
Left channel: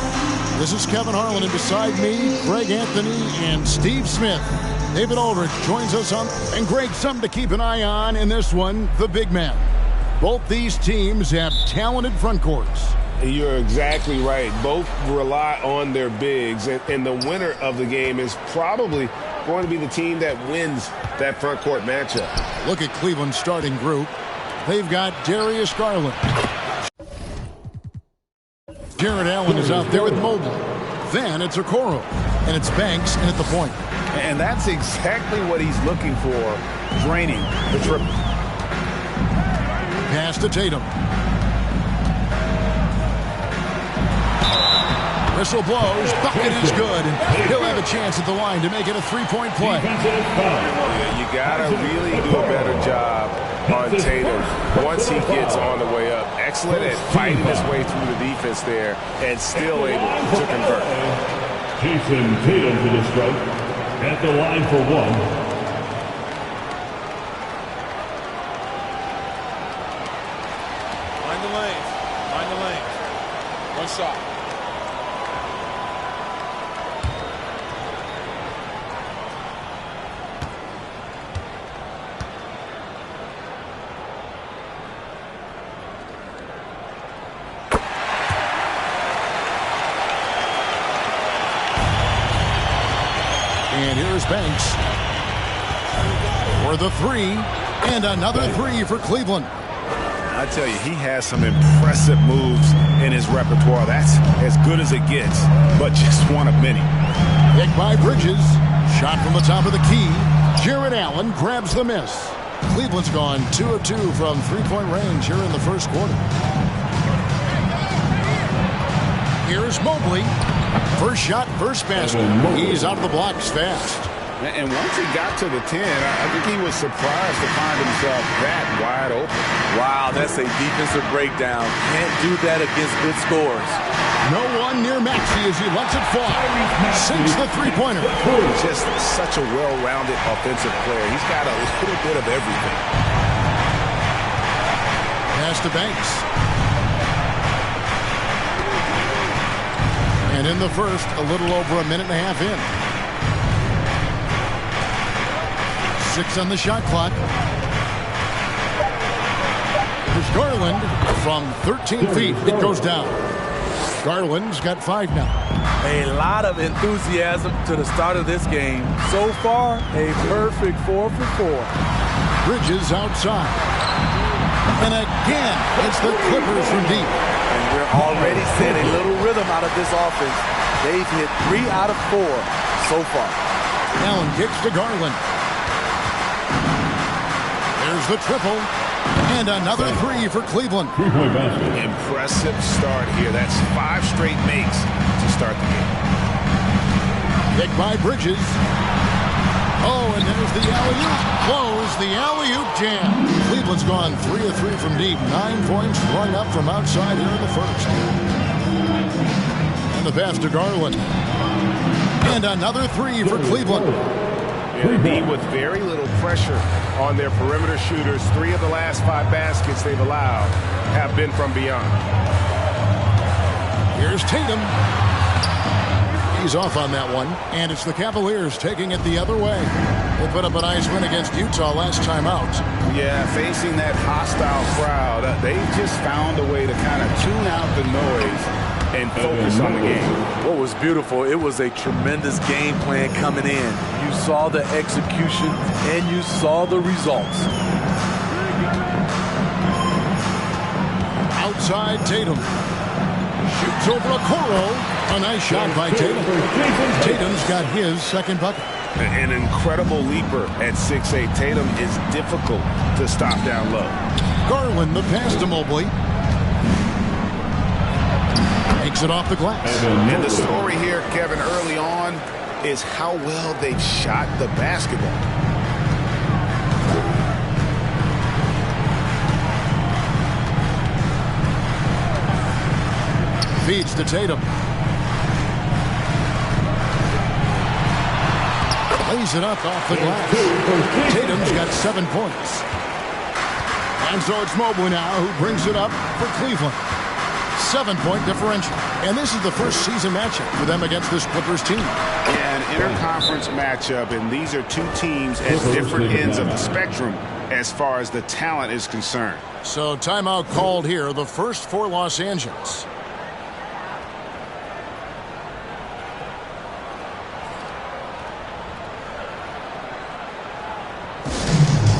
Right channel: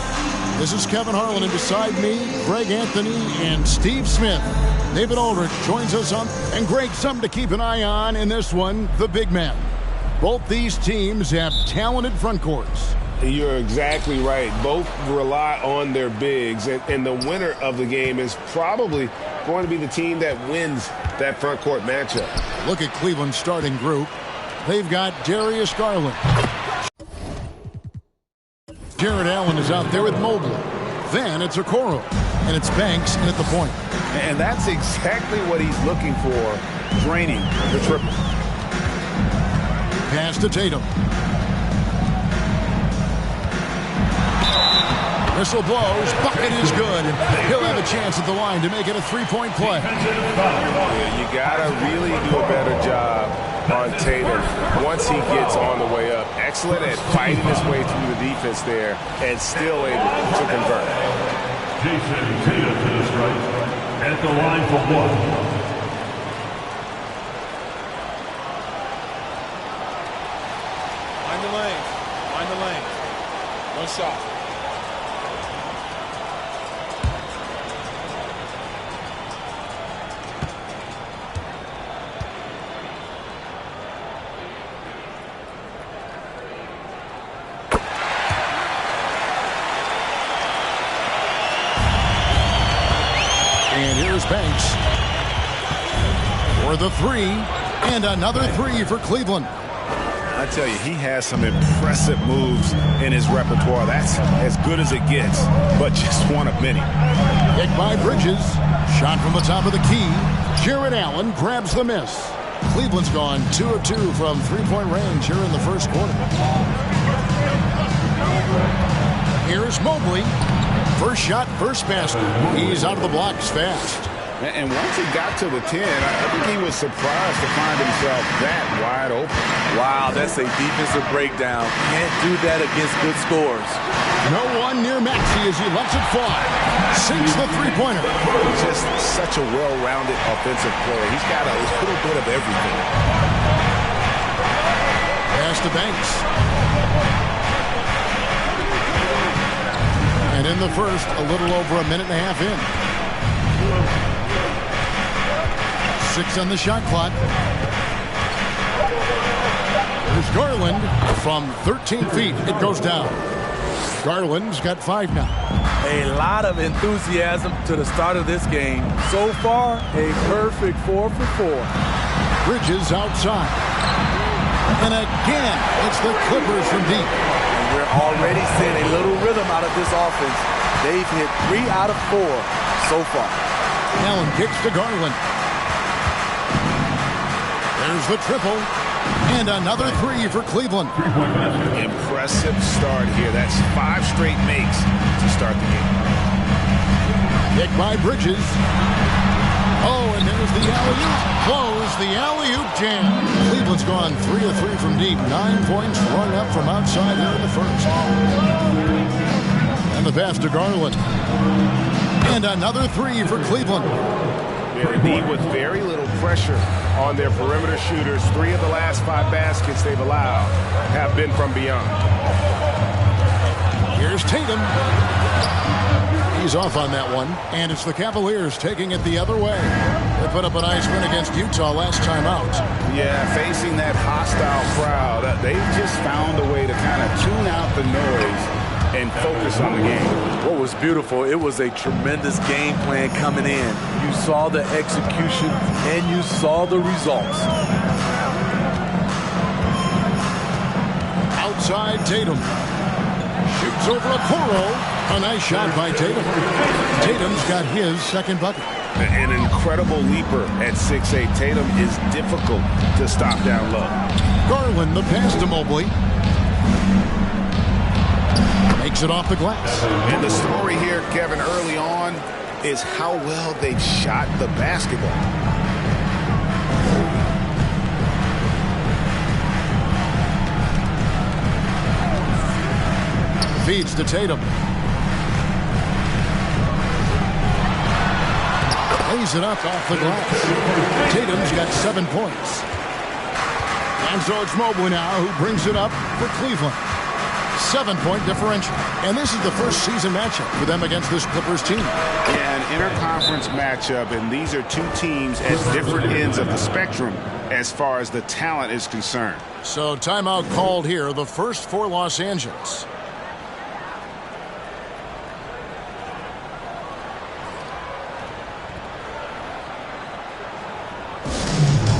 This is Kevin Harlan, and beside me, Greg Anthony and Steve Smith. David Aldridge joins us on, and Greg, something to keep an eye on in this one, the big man. Both these teams have talented front courts. You're exactly right. Both rely on their bigs, and the winner of the game is probably going to be the team that wins that front court matchup. Look at Cleveland's starting group. They've got Darius Garland. Jarrett Allen is out there with Mobley. Then it's Okoro, and it's Banks in at the point. And that's exactly what he's looking for, draining the triple. Pass to Tatum. Whistle blows, bucket is good, and he'll have a chance at the line to make it a three-point play. Yeah, you gotta really do a better job on Tatum once he gets on the way up. Excellent at fighting his way through the defense there and still able to convert. Jason Tatum to the strike at the line for one. Mind the lanes. Mind the lanes. One shot. And here's Banks for the three, and another three for Cleveland. I tell you, he has some impressive moves in his repertoire. That's as good as it gets, but just one of many. Pick by Bridges. Shot from the top of the key. Jarrett Allen grabs the miss. Cleveland's gone 2 of 2 from three-point range here in the first quarter. Here's Mobley. First shot, first basket. He's out of the blocks fast. And once he got to the 10, I think he was surprised to find himself that wide open. Wow, that's a defensive breakdown. Can't do that against good scores. No one near Maxey as he lets it fly. Sinks the three-pointer. Just such a well-rounded offensive player. He's got a little bit of everything. Pass to Banks. And in the first, a little over a minute and a half in. 6 on the shot clock. Here's Garland from 13 feet. It goes down. Garland's got 5 now. A lot of enthusiasm to the start of this game. So far, a perfect 4 for 4. Bridges outside. And again, it's the Clippers from deep. And we're already seeing a little rhythm out of this offense. They've hit 3 out of 4 so far. Allen kicks to Garland. There's the triple. And another 3 for Cleveland. Impressive start here. That's 5 straight makes to start the game. Pick by Bridges. Oh, and there's the alley-oop. Close the alley-oop jam. Cleveland's gone 3 of 3 from deep. 9 points run up from outside here in the first. And the pass to Garland. And another 3 for Cleveland. Yeah, indeed, with very little pressure on their perimeter shooters. 3 of the last 5 baskets they've allowed have been from beyond. Here's Tatum. He's off on that one, and it's the Cavaliers taking it the other way. They put up a nice win against Utah last time out. Yeah, facing that hostile crowd, they've just found a way to kind of tune out the noise and focus on the game. What was beautiful, it was a tremendous game plan coming in. You saw the execution, and you saw the results. Outside Tatum. Shoots over Okoro. A nice shot by Tatum. Tatum's got his second bucket. An incredible leaper at 6'8". Tatum is difficult to stop down low. Garland, the pass to Mobley. Makes it off the glass. And the story here, Kevin, early on is how well they've shot the basketball. Feeds to Tatum. Lays it up off the glass. Tatum's got 7 points. And so it's Mobley now who brings it up for Cleveland. 7-point differential. And this is the first season matchup for them against this Clippers team. Yeah, an interconference matchup, and these are two teams at different ends of the spectrum as far as the talent is concerned. So timeout called here, the first for Los Angeles.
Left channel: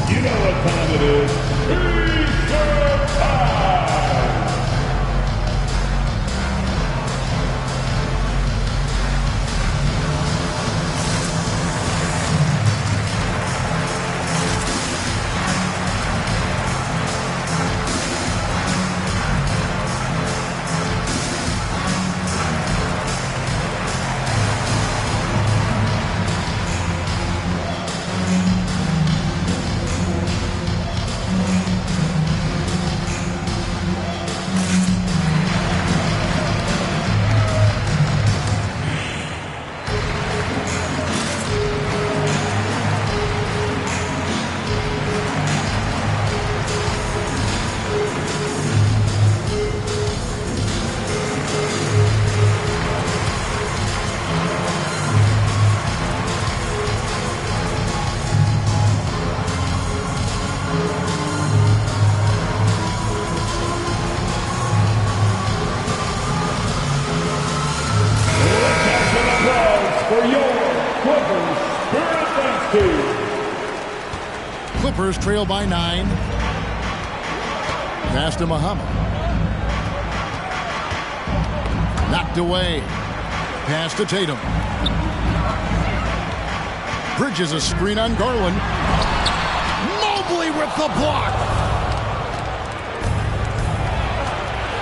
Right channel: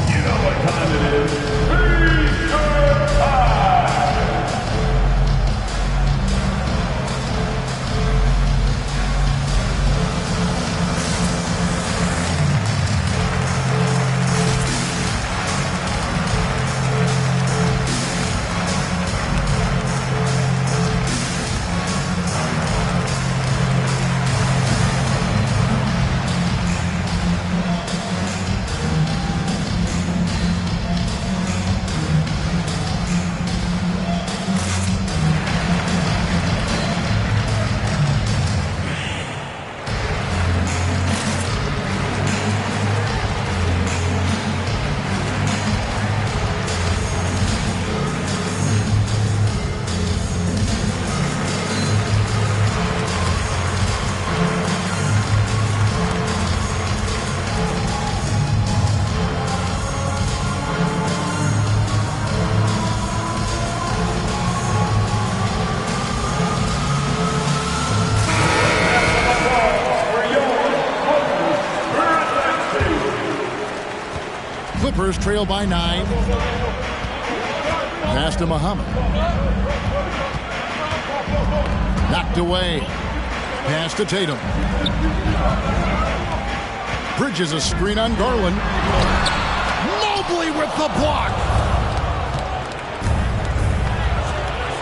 You know what time it is. T-shirt time. Clippers trail by 9. Pass to Muhammad. Knocked away. Pass to Tatum. Bridges a screen on Garland. Mobley with the block.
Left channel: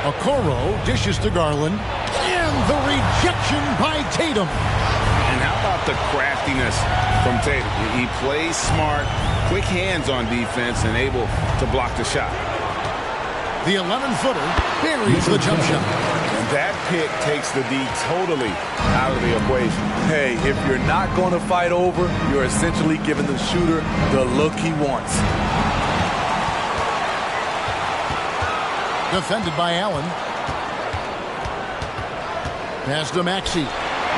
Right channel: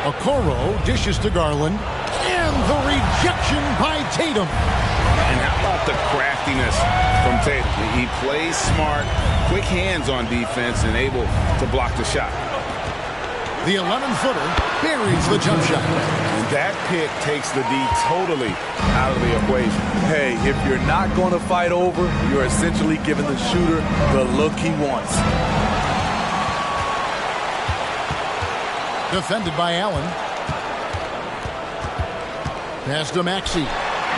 Okoro dishes to Garland. And the rejection by Tatum. And how about the craftiness from Tatum? He plays smart, quick hands on defense, and able to block the shot. The 11-footer buries the jump shot. And that pick takes the D totally out of the equation. Hey, if you're not going to fight over, you're essentially giving the shooter the look he wants. Defended by Allen. Pass to Maxey.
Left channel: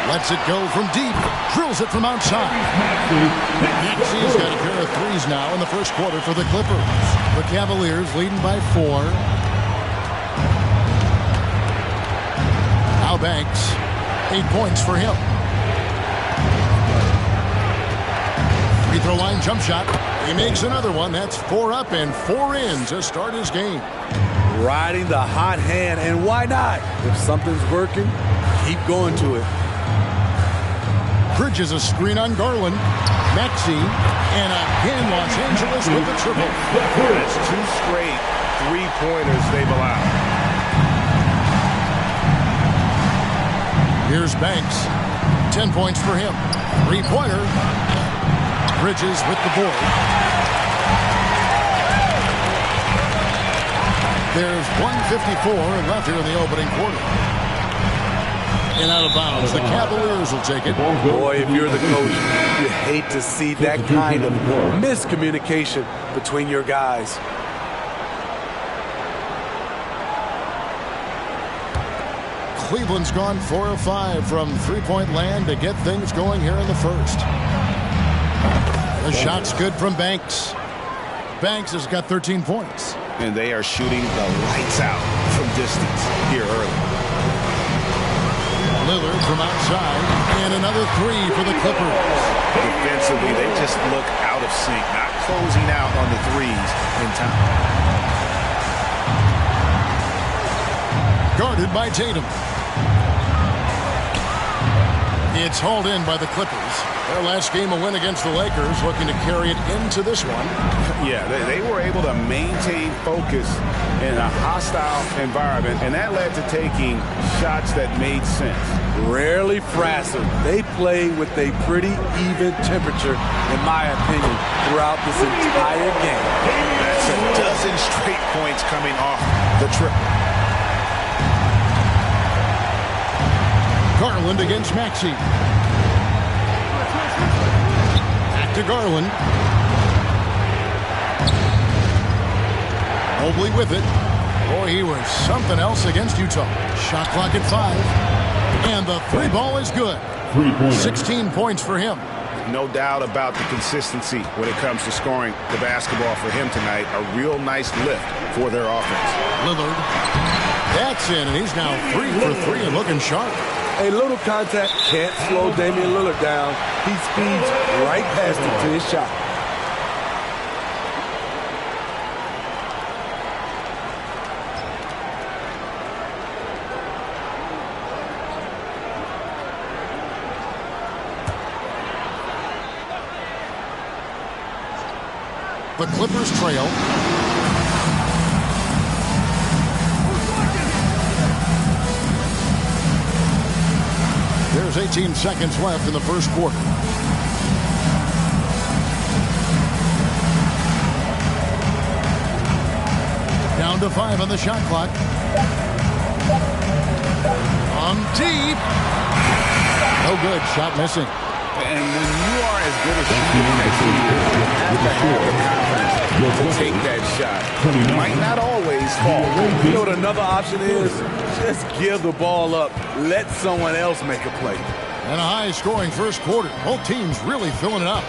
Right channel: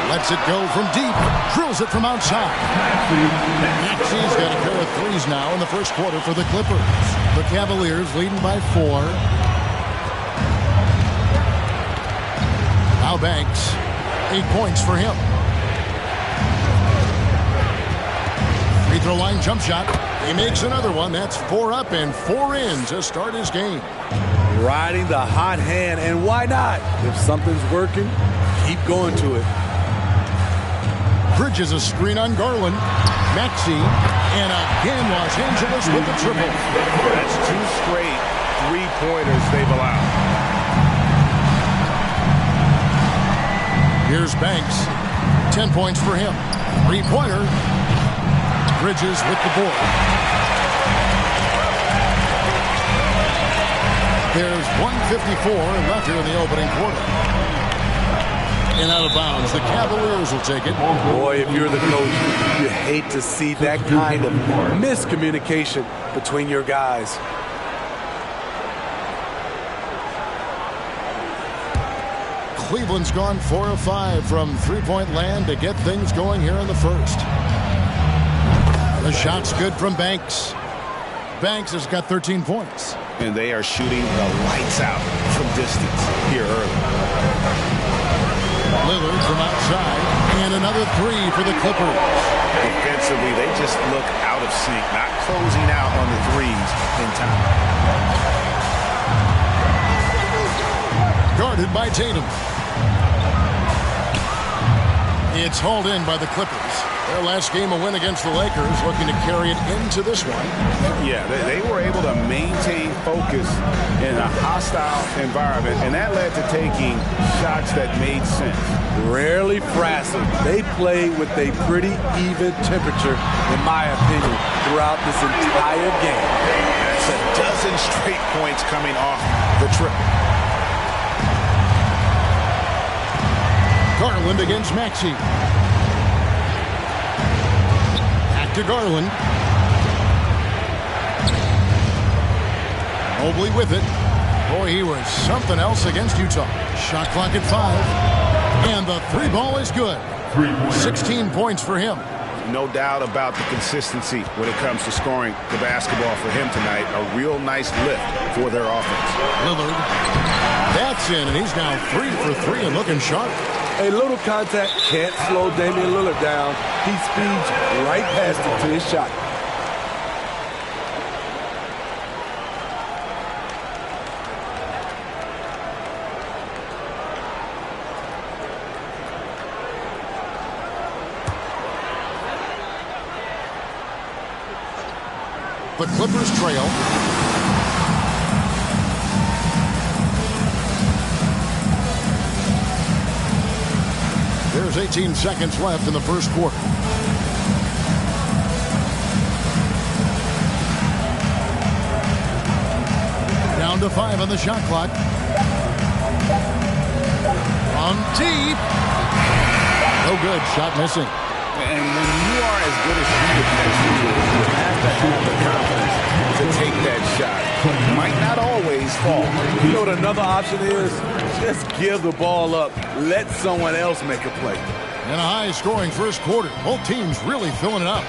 Lets it go from deep. Drills it from outside. Maxey's got a pair of threes now in the first quarter for the Clippers. The Cavaliers leading by 4. Al Banks, 8 points for him. Free throw line jump shot. He makes another one. That's 4 up and 4 in to start his game. Riding the hot hand, and why not? If something's working, keep going to it. Bridges a screen on Garland. Maxey, and again Los Angeles with the triple. Yeah, that's 2 straight 3-pointers they've allowed. Here's Banks. 10 points for him. 3-pointer. Bridges with the board. There's 1:54 left here in the opening quarter. And out of bounds, the Cavaliers will take it. Boy, if you're the coach, you hate to see that kind of miscommunication between your guys. Cleveland's gone 4 of 5 from three-point land to get things going here in the first. The shot's good from Banks. Banks has got 13 points. And they are shooting the lights out from distance here early. Lillard from outside, and another 3 for the Clippers. Defensively, they just look out of sync, not closing out on the threes in time. Guarded by Tatum. It's hauled in by the Clippers. Their last game a win against the Lakers, looking to carry it into this one. Yeah, they were able to maintain focus in a hostile environment, and that led to taking shots that made sense. Rarely frazzled. They play with a pretty even temperature, in my opinion, throughout this entire game. That's a dozen straight points coming off the triple. Garland against Maxey. Back to Garland. Mobley with it. Boy, he was something else against Utah. Shot clock at 5. And the 3 ball is good. 16 points for him. No doubt about the consistency when it comes to scoring the basketball for him tonight. A real nice lift for their offense. Lillard. That's in, and he's now 3 for 3 and looking sharp. A little contact can't slow Damian Lillard down. He speeds right past it to his shot. The Clippers trail. There's 18 seconds left in the first quarter. Down to 5 on the shot clock. On deep. No good. Shot missing. And when you are as good a shooter as he is, you have to have the confidence to take that shot. Might not always fall. You know what another option is? Just give the ball up. Let someone else make a play. And a high-scoring first quarter. Both teams really filling it up.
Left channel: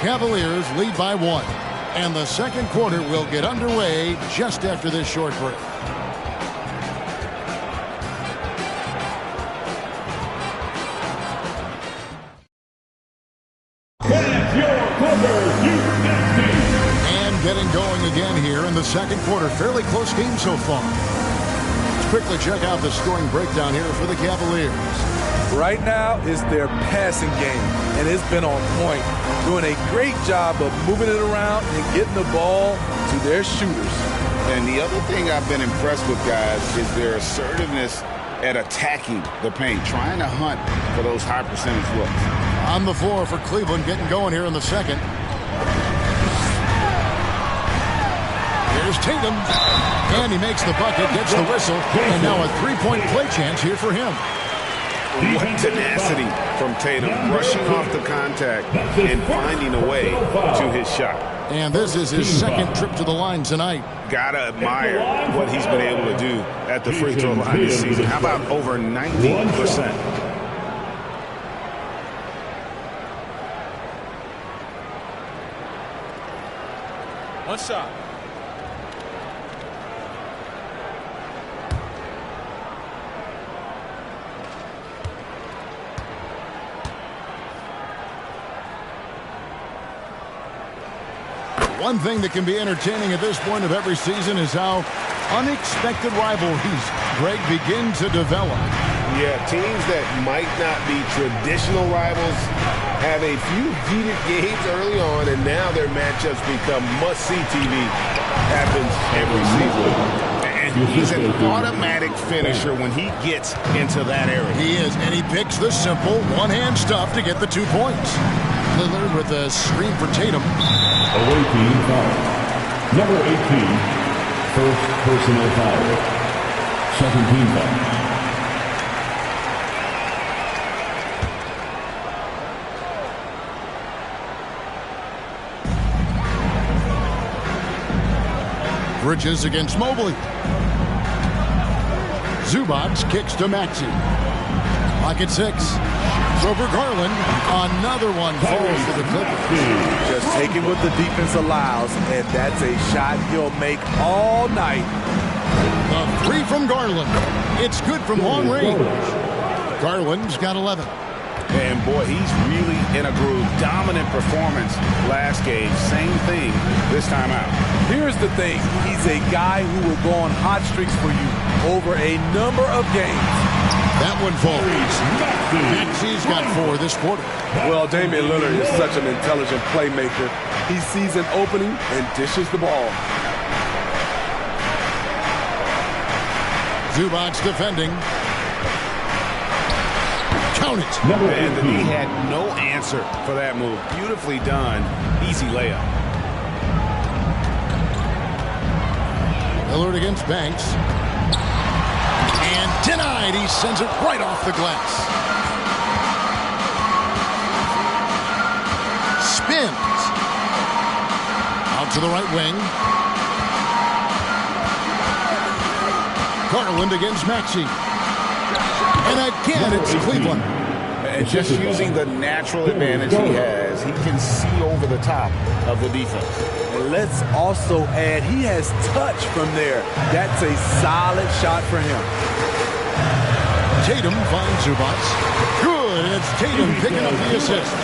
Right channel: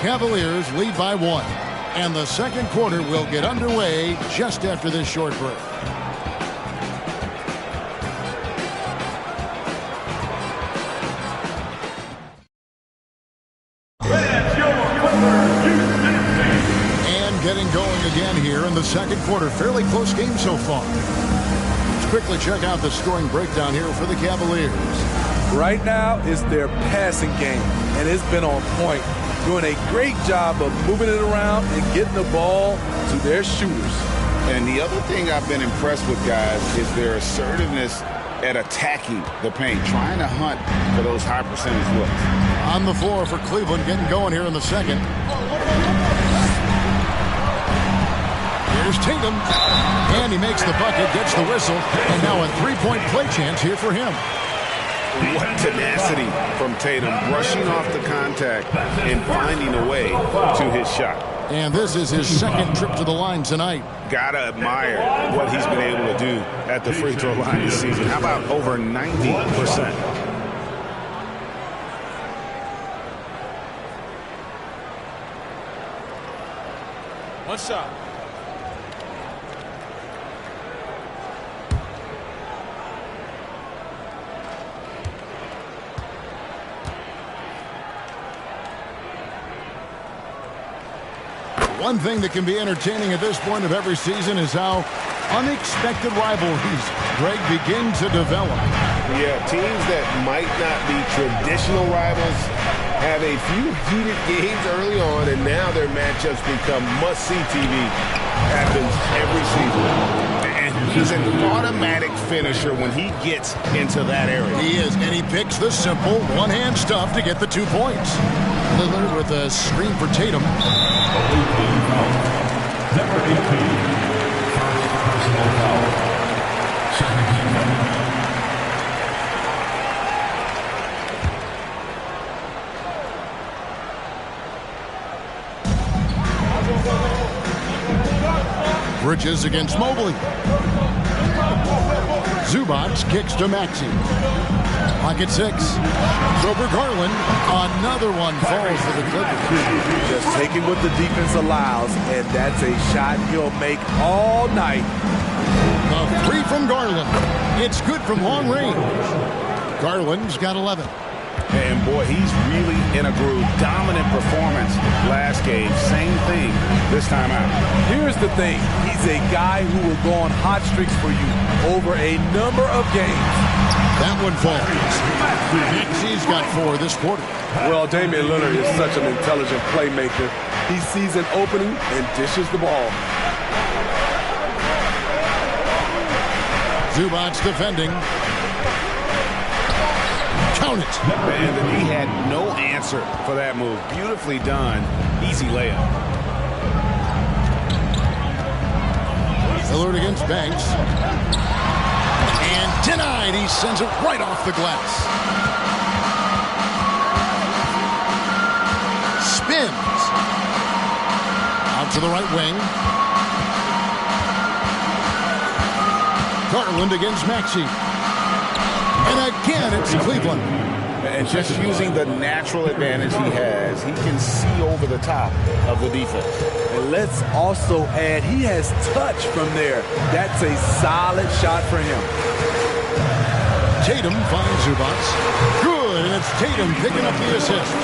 Cavaliers lead by 1. And the second quarter will get underway just after this short break. Getting going again here in the second quarter. Fairly close game so far. Let's quickly check out the scoring breakdown here for the Cavaliers. Right now is their passing game, and it's been on point. Doing a great job of moving it around and getting the ball to their shooters. And the other thing I've been impressed with, guys, is their assertiveness at attacking the paint, trying to hunt for those high percentage looks. On the floor for Cleveland, getting going here in the second. Here's Tatum, and he makes the bucket, gets the whistle, and now a three-point play chance here for him. What tenacity from Tatum, rushing off the contact and finding a way to his shot. And this is his second trip to the line tonight. Gotta admire what he's been able to do at the free throw line this season. How about over 90%? One shot. One thing that can be entertaining at this point of every season is how unexpected rivalries, Greg, begin to develop. Yeah, teams that might not be traditional rivals have a few heated games early on, and now their matchups become must-see TV. Happens every season. And he's an automatic finisher when he gets into that area. He is, and he picks the simple one-hand stuff to get the 2 points. Lillard with a screen for Tatum. Away team foul. Number 18, first personal foul. Second team foul. Bridges against Mobley. Zubac kicks to Maxey. Clock at 6. Shoots over Garland. Another one falls for the Clippers. Just taking what the defense allows, and that's a shot he'll make all night. The 3 from Garland. It's good from long range. Garland's got 11. And boy, he's really in a groove. Dominant performance last game. Same thing this time out. Here's the thing. He's a guy who will go on hot streaks for you over a number of games. That one falls. Maxey's got 4 this quarter. Well, Damian Lillard is such an intelligent playmaker. He sees an opening and dishes the ball. Zubac defending. Count it. And the D had no answer for that move. Beautifully done. Easy layup. Lillard against Banks. And denied. He sends it right off the glass. Spins. Out to the right wing. Garland against Maxey. And again, it's Cleveland. And just using the natural advantage he has, he can see over the top of the defense. And let's also add, he has touch from there. That's a solid shot for him. Tatum finds Zubac. Good, and it's Tatum picking up the assist.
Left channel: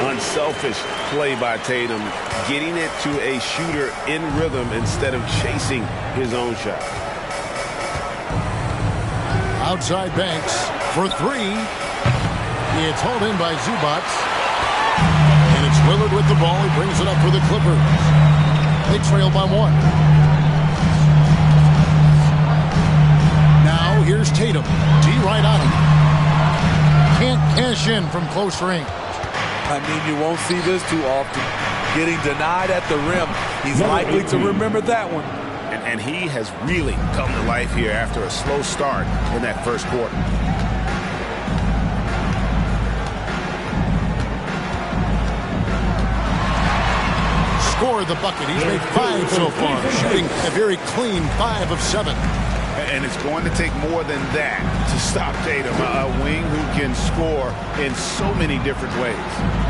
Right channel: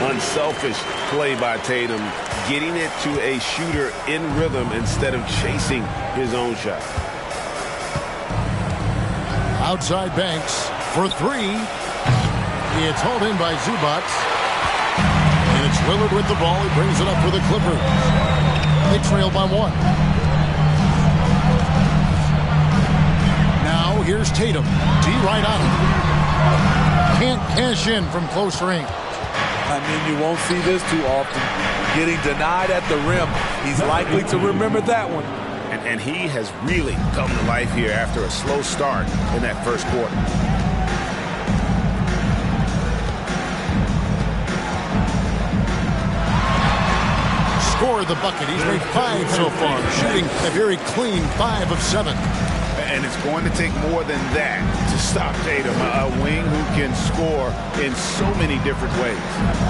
Unselfish play by Tatum, getting it to a shooter in rhythm instead of chasing his own shot. Outside Banks for three. It's hauled in by Zubac. And it's Lillard with the ball. He brings it up for the Clippers. They trail by one. Now here's Tatum. D right on him. Can't cash in from close range. I mean, you won't see this too often. Getting denied at the rim. He's likely to remember that one. And he has really come to life here after a slow start in that first quarter. Scored the bucket. He's made 5 so far, shooting a very clean 5 of 7. And it's going to take more than that to stop Tatum, a wing who can score in so many different ways.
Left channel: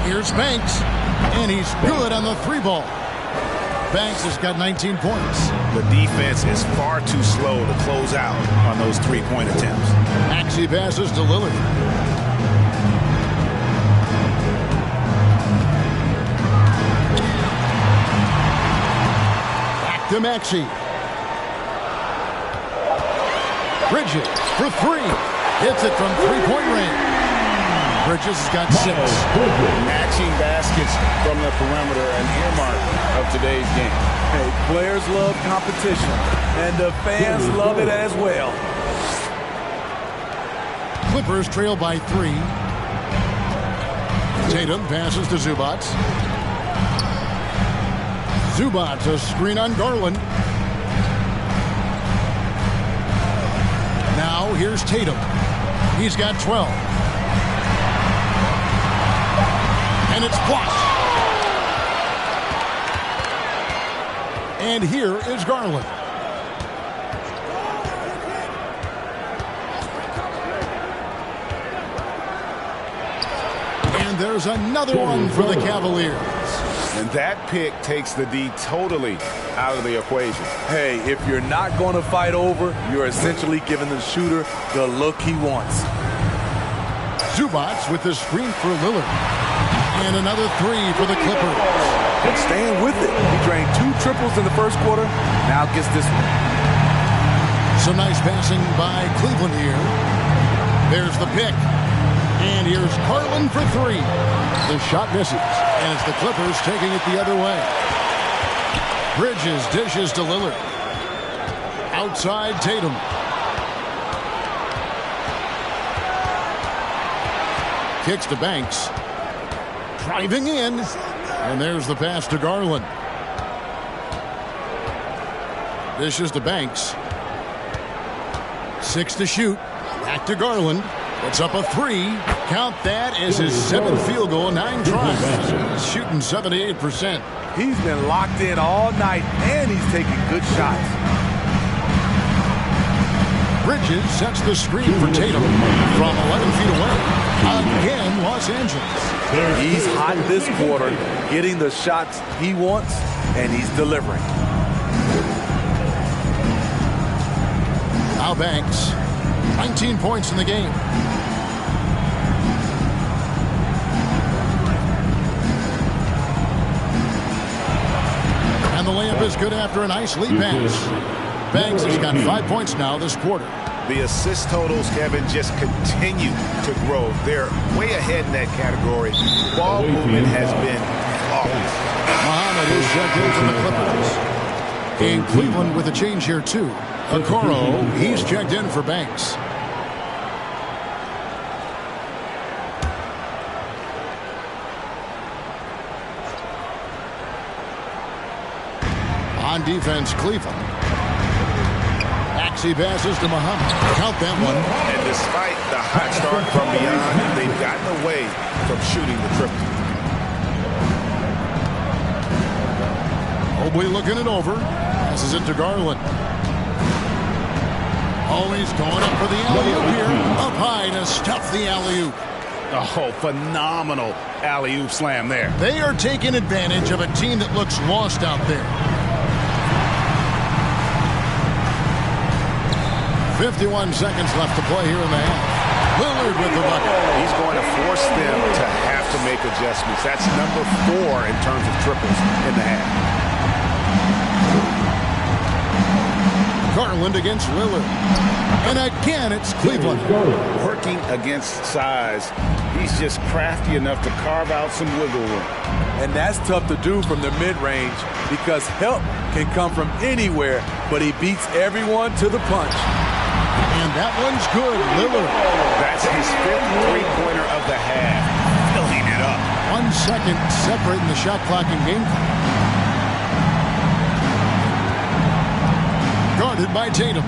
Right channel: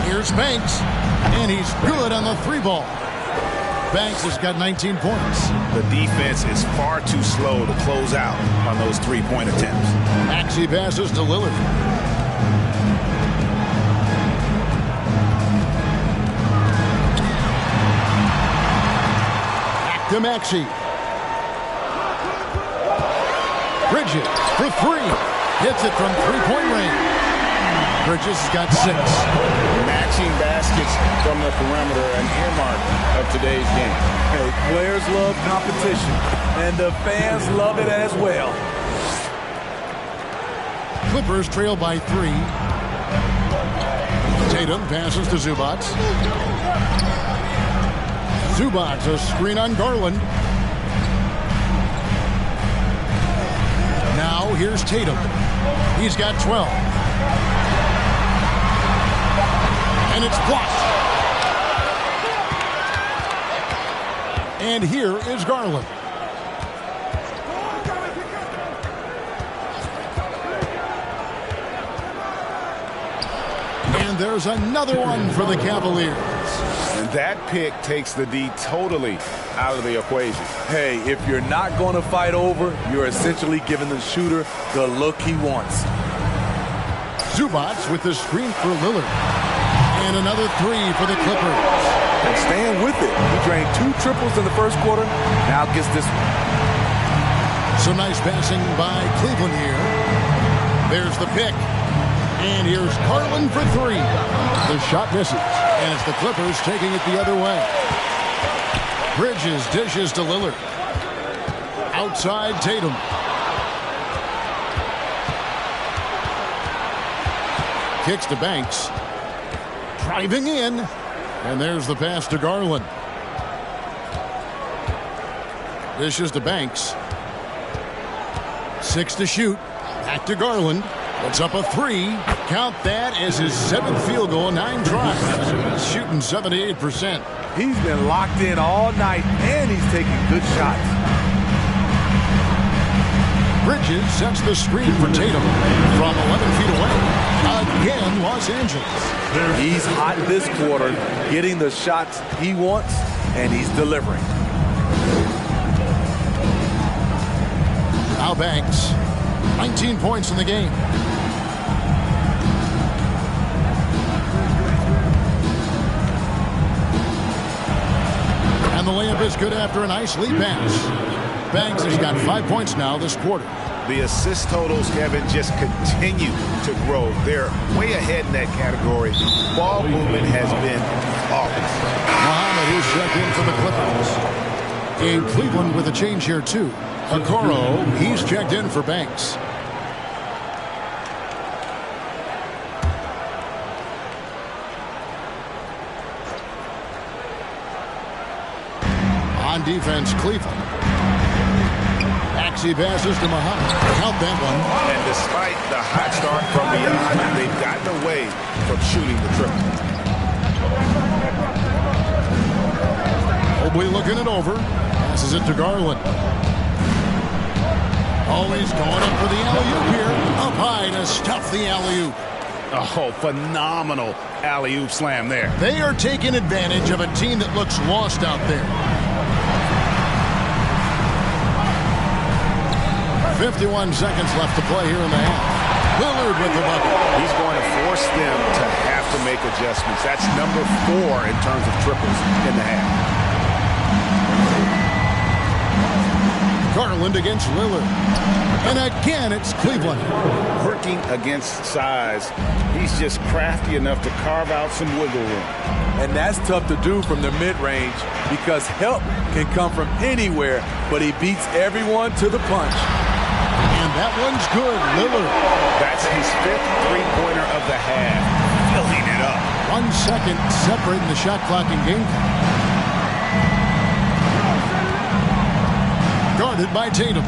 Here's Banks, and he's good on the 3-ball. Banks has got 19 points. The defense is far too slow to close out on those 3-point attempts. Maxey passes to Lillard. Back to Maxey. Bridges for 3. Hits it from 3-point range. Bridges has got 6. Matching baskets from the perimeter, an earmark of today's game. Hey, players love competition, and the fans love it as well. Clippers trail by 3. Tatum passes to Zubac. Zubac, a screen on Garland. Now here's Tatum. He's got 12. And it's blocked. And here is Garland. And there's another one for the Cavaliers. And that pick takes the D totally out of the equation. Hey, if you're not going to fight over, you're essentially giving the shooter the look he wants. Zubac with the screen for Lillard. And another 3 for the Clippers. And staying with it. He drained 2 triples in the first quarter. Now gets this one. Some nice passing by Cleveland here. There's the pick. And here's Garland for 3. The shot misses. And it's the Clippers taking it the other way. Bridges dishes to Lillard. Outside Tatum. Kicks to Banks. Driving in. And there's the pass to Garland. Dishes to Banks. 6 to shoot. Back to Garland. Puts up a 3. Count that as his 7th field goal, 9 tries. He's shooting 78%. He's been locked in all night, and he's taking good shots. Bridges sets the screen for Tatum from 11 feet away. Again, Los Angeles. He's hot this quarter, getting the shots he wants, and he's delivering. Now Banks, 19 points in the game. And the layup is good after a nice lead pass. Banks has got 5 points now this quarter. The assist totals, Kevin, just continue to grow. They're way ahead in that category. Ball movement has been flawless. Muhammad is checked in for the Clippers. In Cleveland with a change here, too. Okoro, he's checked in for Banks. On defense, Cleveland. Maxey passes to Muhammad. Count that one. And despite the hot start from beyond, they've gotten away from shooting the triple. Mobley looking it over. Passes it to Garland. Always going up for the alley-oop here. Up high to stuff the alley-oop. Oh, phenomenal alley-oop slam there. They are taking advantage of a team that looks lost out there. 51 seconds left to play here in the half. Lillard with the bucket. He's going to force them to have to make adjustments. That's number 4 in terms of triples in the half. Garland against Lillard. And again, it's Cleveland. Working against size, he's just crafty enough to carve out some wiggle room. And that's tough to do from the mid-range because help can come from anywhere, but he beats everyone to the punch. And that one's good, Lillard. That's his 5th three-pointer of the half. Filling it up. 1 second separating the shot clock and game clock. Guarded by Tatum.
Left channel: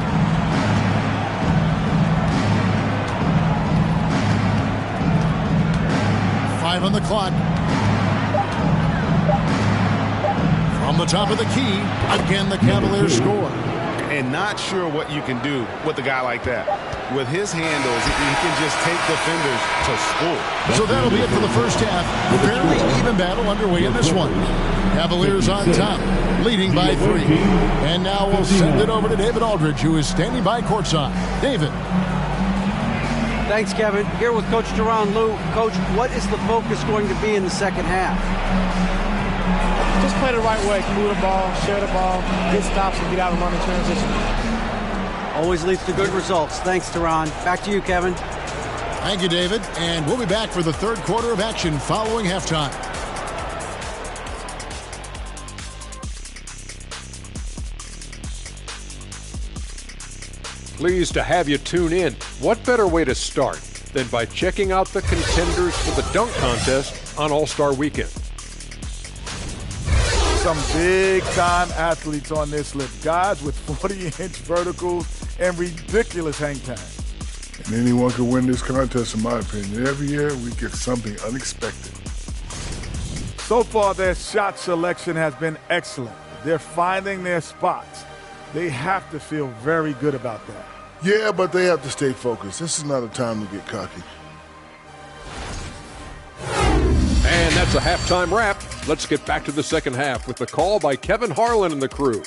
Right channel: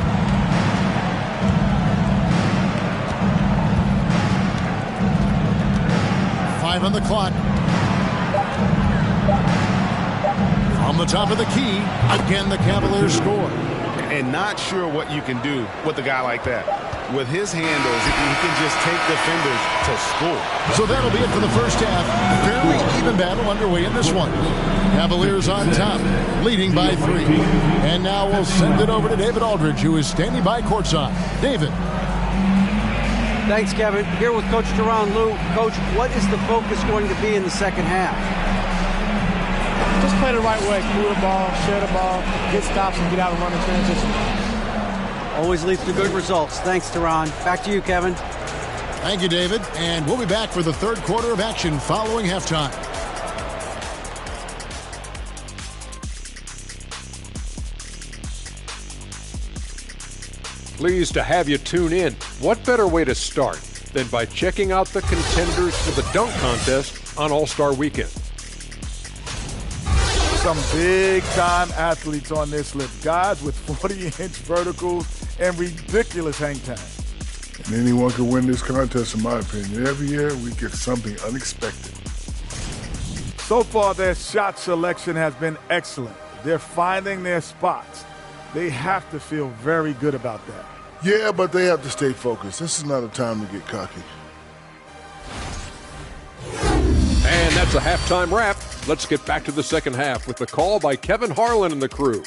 Five on the clock. From the top of the key, again the Cavaliers score. And not sure what you can do with a guy like that. With his handles, he can just take defenders to school. So that'll be it for the first half. Fairly even battle underway in this one. Cavaliers on top, leading by 3. And now we'll send it over to David Aldridge, who is standing by courtside. David. Thanks, Kevin. Here with Coach Tyronn Lue. Coach, what is the focus going to be in the second half? Just play the right way. Move the ball, share the ball, get stops, and get out and run in transition. Always leads to good results. Thanks, Tyronn. Back to you, Kevin. Thank you, David. And we'll be back for the third quarter of action following halftime. Pleased to have you tune in. What better way to start than by checking out the contenders for the dunk contest on All-Star Weekend? Some big-time athletes on this list. Guys with 40-inch verticals and ridiculous hang time. And anyone can win this contest, in my opinion. Every year, we get something unexpected. So far, their shot selection has been excellent. They're finding their spots. They have to feel very good about that. Yeah, but they have to stay focused. This is not a time to get cocky. And that's a halftime wrap. Let's get back to the second half with the call by Kevin Harlan and the crew.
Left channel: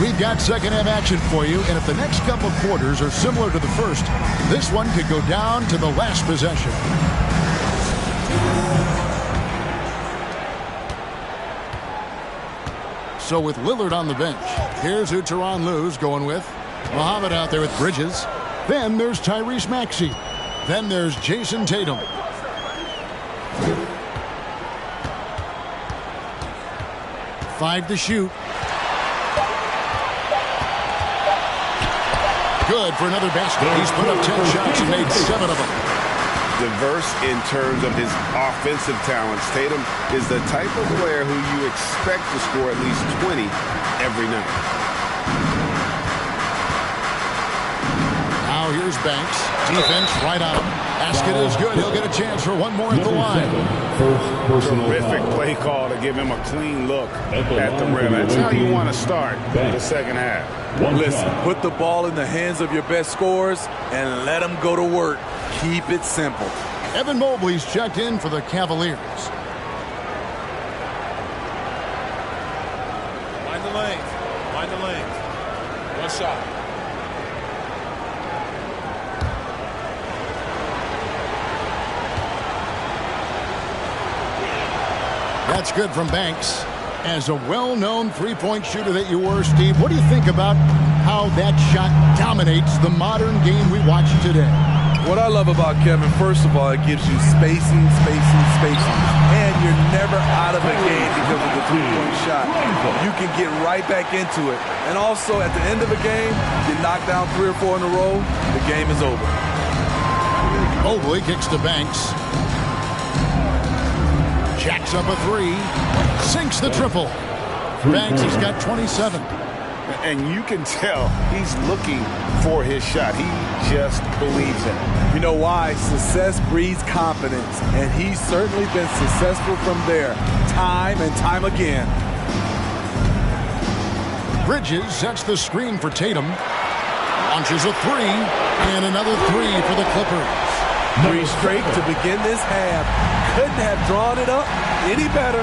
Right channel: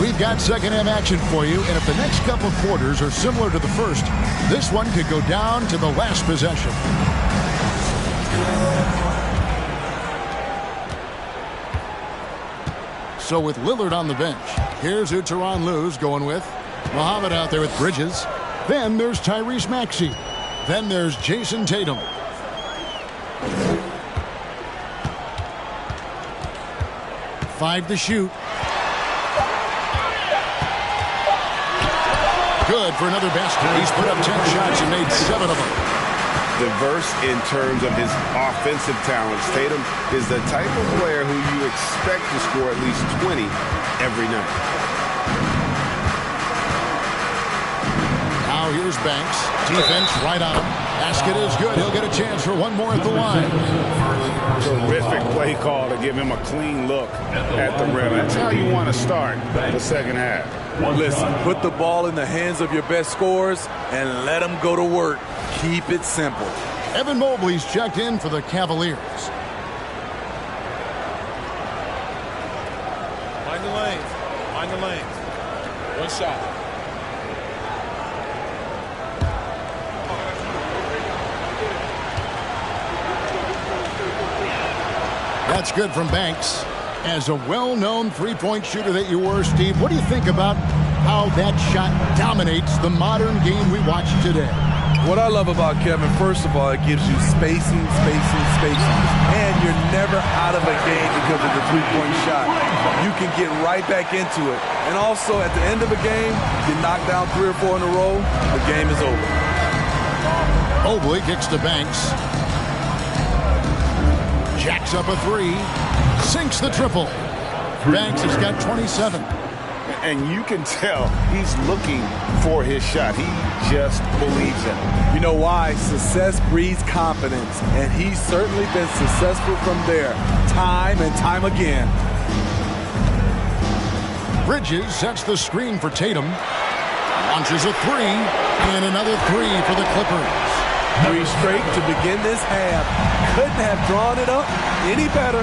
We've got second half action for you, and if the next couple quarters are similar to the first, this one could go down to the last possession. So with Lillard on the bench, here's who Tyronn Lue's going with. Muhammad out there with Bridges. Then there's Tyrese Maxey. Then there's Jason Tatum. Five to shoot. Good for another basket. He's put up 10 shots and made 7 of them. Diverse in terms of his offensive talents. Tatum is the type of player who you expect to score at least 20 every night. Now here's Banks. Defense right on him. Basket is good. He'll get a chance for one more at the line. Terrific play call to give him a clean look at the rim. That's how you want to start the second half. Listen, put the ball in the hands of your best scorers and let them go to work. Keep it simple. Evan Mobley's checked in for the Cavaliers. Mind the lanes. Mind the lanes. One shot. That's good from Banks. As a well-known three-point shooter that you were, Steve, what do you think about how that shot dominates the modern game we watch today? What I love about Kevin, first of all, it gives you spacing. And you're never out of a game because of the three-point shot. You can get right back into it. And also, at the end of a game, you knock down 3 or 4 in a row, the game is over. Mobley kicks to Banks. Jacks up a 3. Sinks the triple. Banks has got 27. And you can tell he's looking for his shot. He just believes in it. You know why? Success breeds confidence, and he's certainly been successful from there time and time again. Bridges sets the screen for Tatum. Launches a three, and another three for the Clippers. 3 straight to begin this half. Couldn't have drawn it up any better.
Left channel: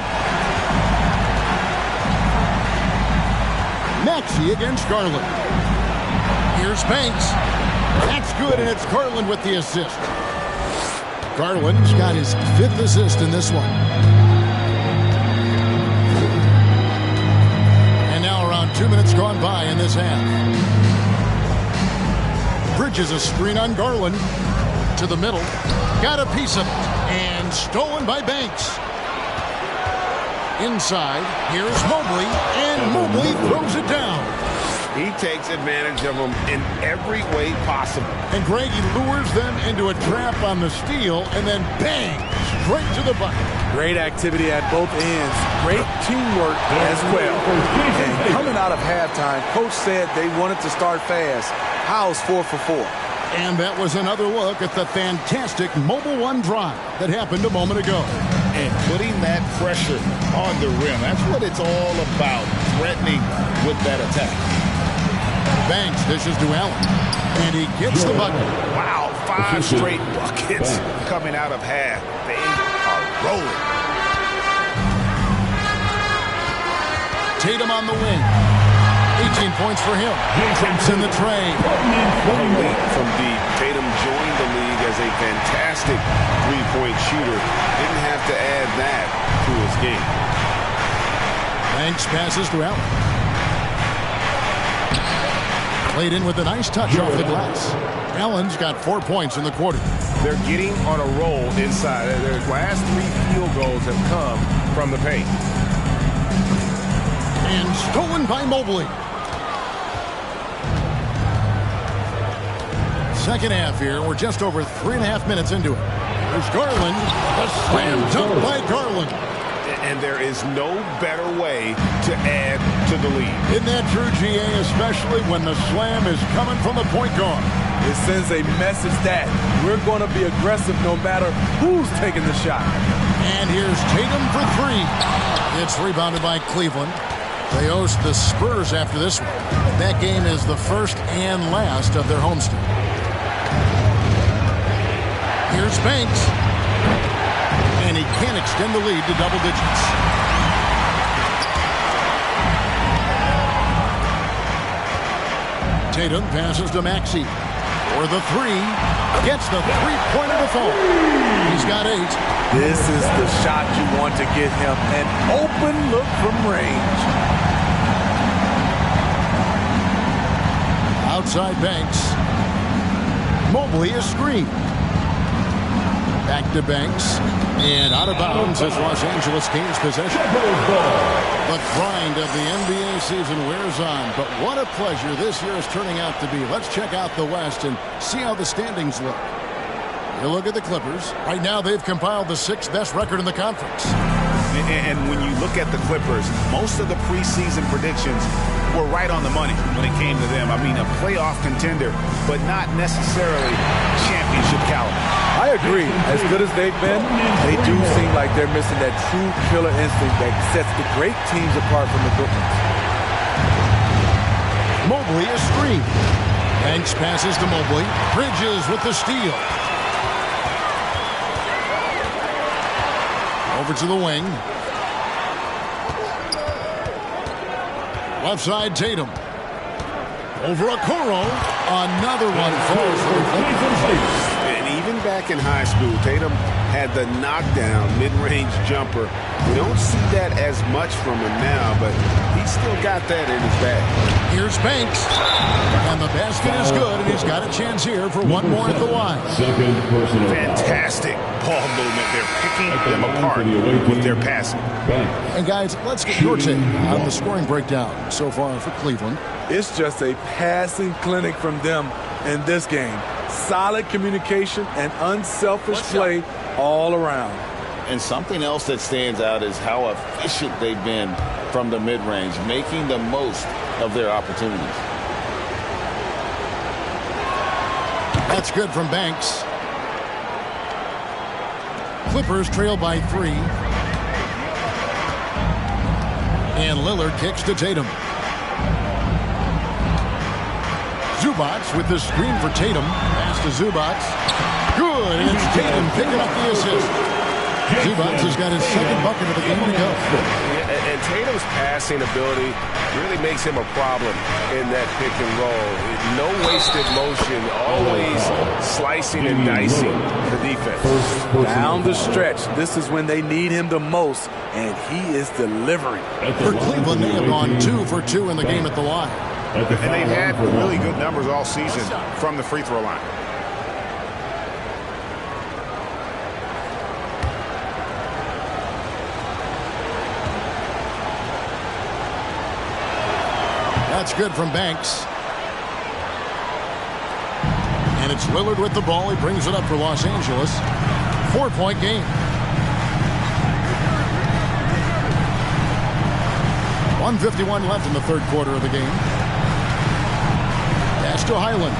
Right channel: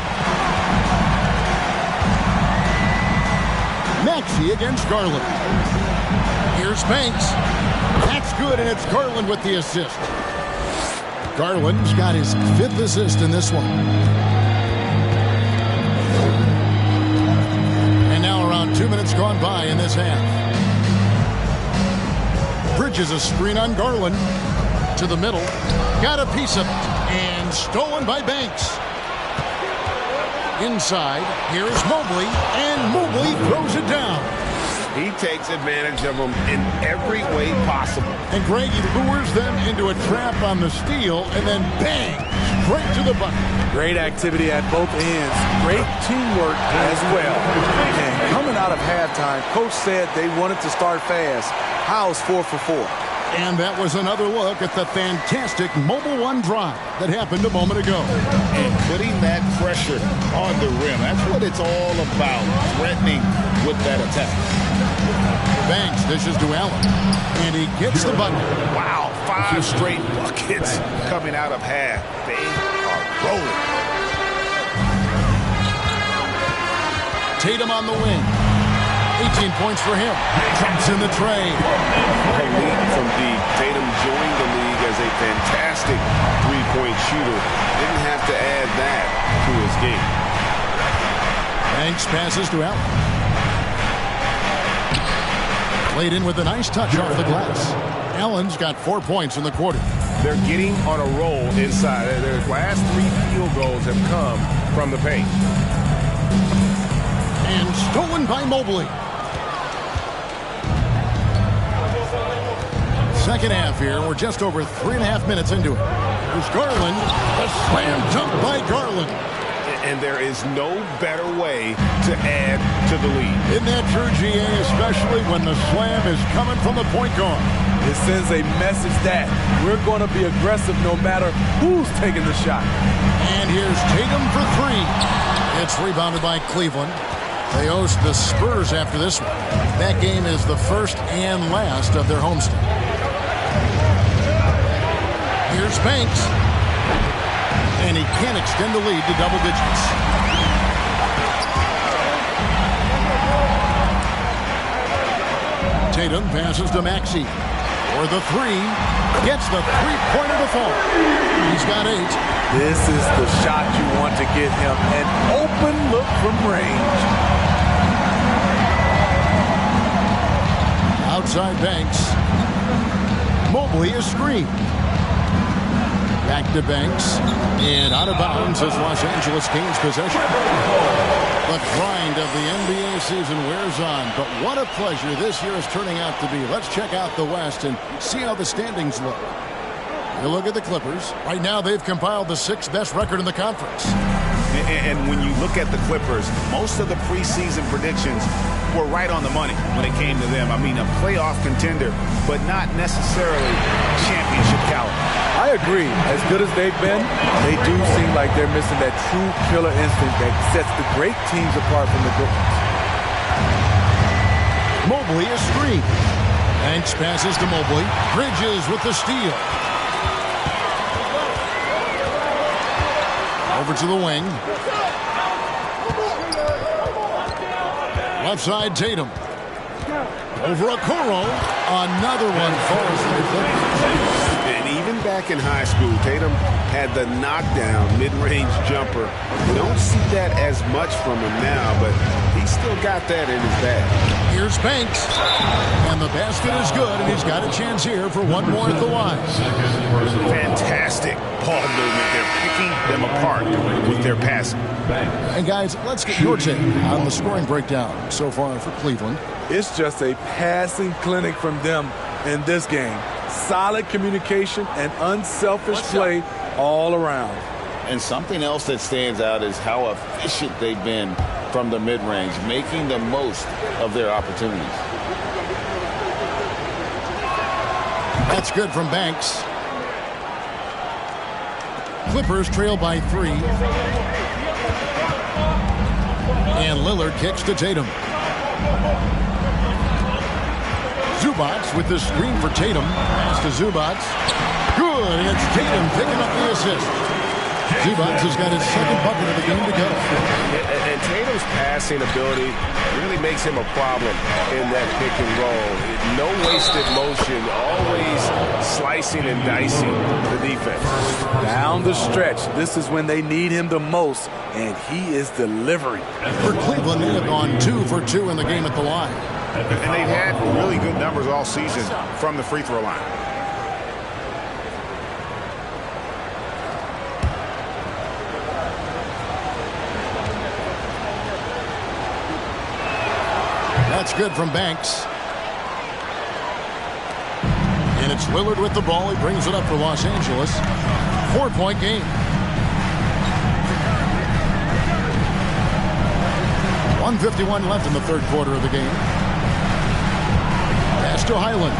Maxey against Garland. Here's Banks. That's good, and it's Garland with the assist. Garland's got his 5th assist in this one. And now around 2 minutes gone by in this half. Bridges a screen on Garland. To the middle. Got a piece of it. And stolen by Banks. Inside, here's Mobley, and Mobley throws it down. He takes advantage of them in every way possible. And Greg, he lures them into a trap on the steal, and then bang, straight to the bucket. Great activity at both ends. Great teamwork as well. And coming out of halftime, Coach said they wanted to start fast. How's 4 for 4? And that was another look at the fantastic Mobile One drive that happened a moment ago. And putting that pressure on the rim. That's what it's all about, threatening with that attack. Banks dishes to Allen, and he gets the bucket. Wow, 5 straight buckets coming out of half. They are rolling. Tatum on the wing. 18 points for him. Drops in the tray. A leap from deep. Tatum joined the league as a fantastic three-point shooter. Didn't have to add that to his game. Banks passes to Allen. Played in with a nice touch off the glass. Allen's got 4 points in the quarter. They're getting on a roll inside. Their last 3 field goals have come from the paint. And stolen by Mobley. Second half here. We're just over 3.5 minutes into it. There's Garland. The slam dunk by Garland. And there is no better way to add to the lead. Isn't that true, GA? Especially when the slam is coming from the point guard. It sends a message that we're going to be aggressive no matter who's taking the shot. And here's Tatum for 3. It's rebounded by Cleveland. They host the Spurs after this one. That game is the first and last of their homestand. Here's Banks. And he can't extend the lead to double digits. Tatum passes to Maxey. For the 3. Gets the three-pointer to fall. He's got 8. This is the shot you want to get him. An open look from range. Outside Banks. Mobley is screened. Back to Banks. And out of bounds as Los Angeles gains possession. The grind of the NBA season wears on. But what a pleasure this year is turning out to be. Let's check out the West and see how the standings look. You look at the Clippers. Right now they've compiled the 6th best record in the conference. And when you look at the Clippers, most of the preseason predictions were right on the money when it came to them. I mean, a playoff contender, but not necessarily championship caliber. I agree. As good as they've been, they do seem like they're missing that true killer instinct that sets the great teams apart from the good ones. Mobley is screened. Banks passes to Mobley. Bridges with the steal. Over to the wing. Left side, Tatum. Over Okoro. Another one falls for the Clippers. And even back in high school, Tatum had the knockdown mid-range jumper. We don't see that as much from him now, but he's still got that in his bag. Here's Banks. And the basket is good, and he's got a chance here for one more at the line. Fantastic ball movement. They're picking them apart with their passing. And guys, let's get your take on the scoring breakdown so far for Cleveland. It's just a passing clinic from them in this game. Solid communication and unselfish play all around. And something else that stands out is how efficient they've been from the mid-range, making the most of their opportunities. That's good from Banks. Clippers trail by 3. And Lillard kicks to Tatum. Zubats with the screen for Tatum. Pass to Zubats. Good, and it's Tatum picking up the assist. Zubats has got his second bucket of the game to go. Yeah, and Tatum's passing ability really makes him a problem in that pick and roll. No wasted motion, always slicing and dicing the defense. Down the stretch, this is when they need him the most, and he is delivering. For Cleveland, they have gone 2 for 2 in the game at the line. And they've had really good numbers all season from the free throw line. That's good from Banks. And it's Lillard with the ball. He brings it up for Los Angeles. 4-point game. 1:51 left in the third quarter of the game. Pass to Highland.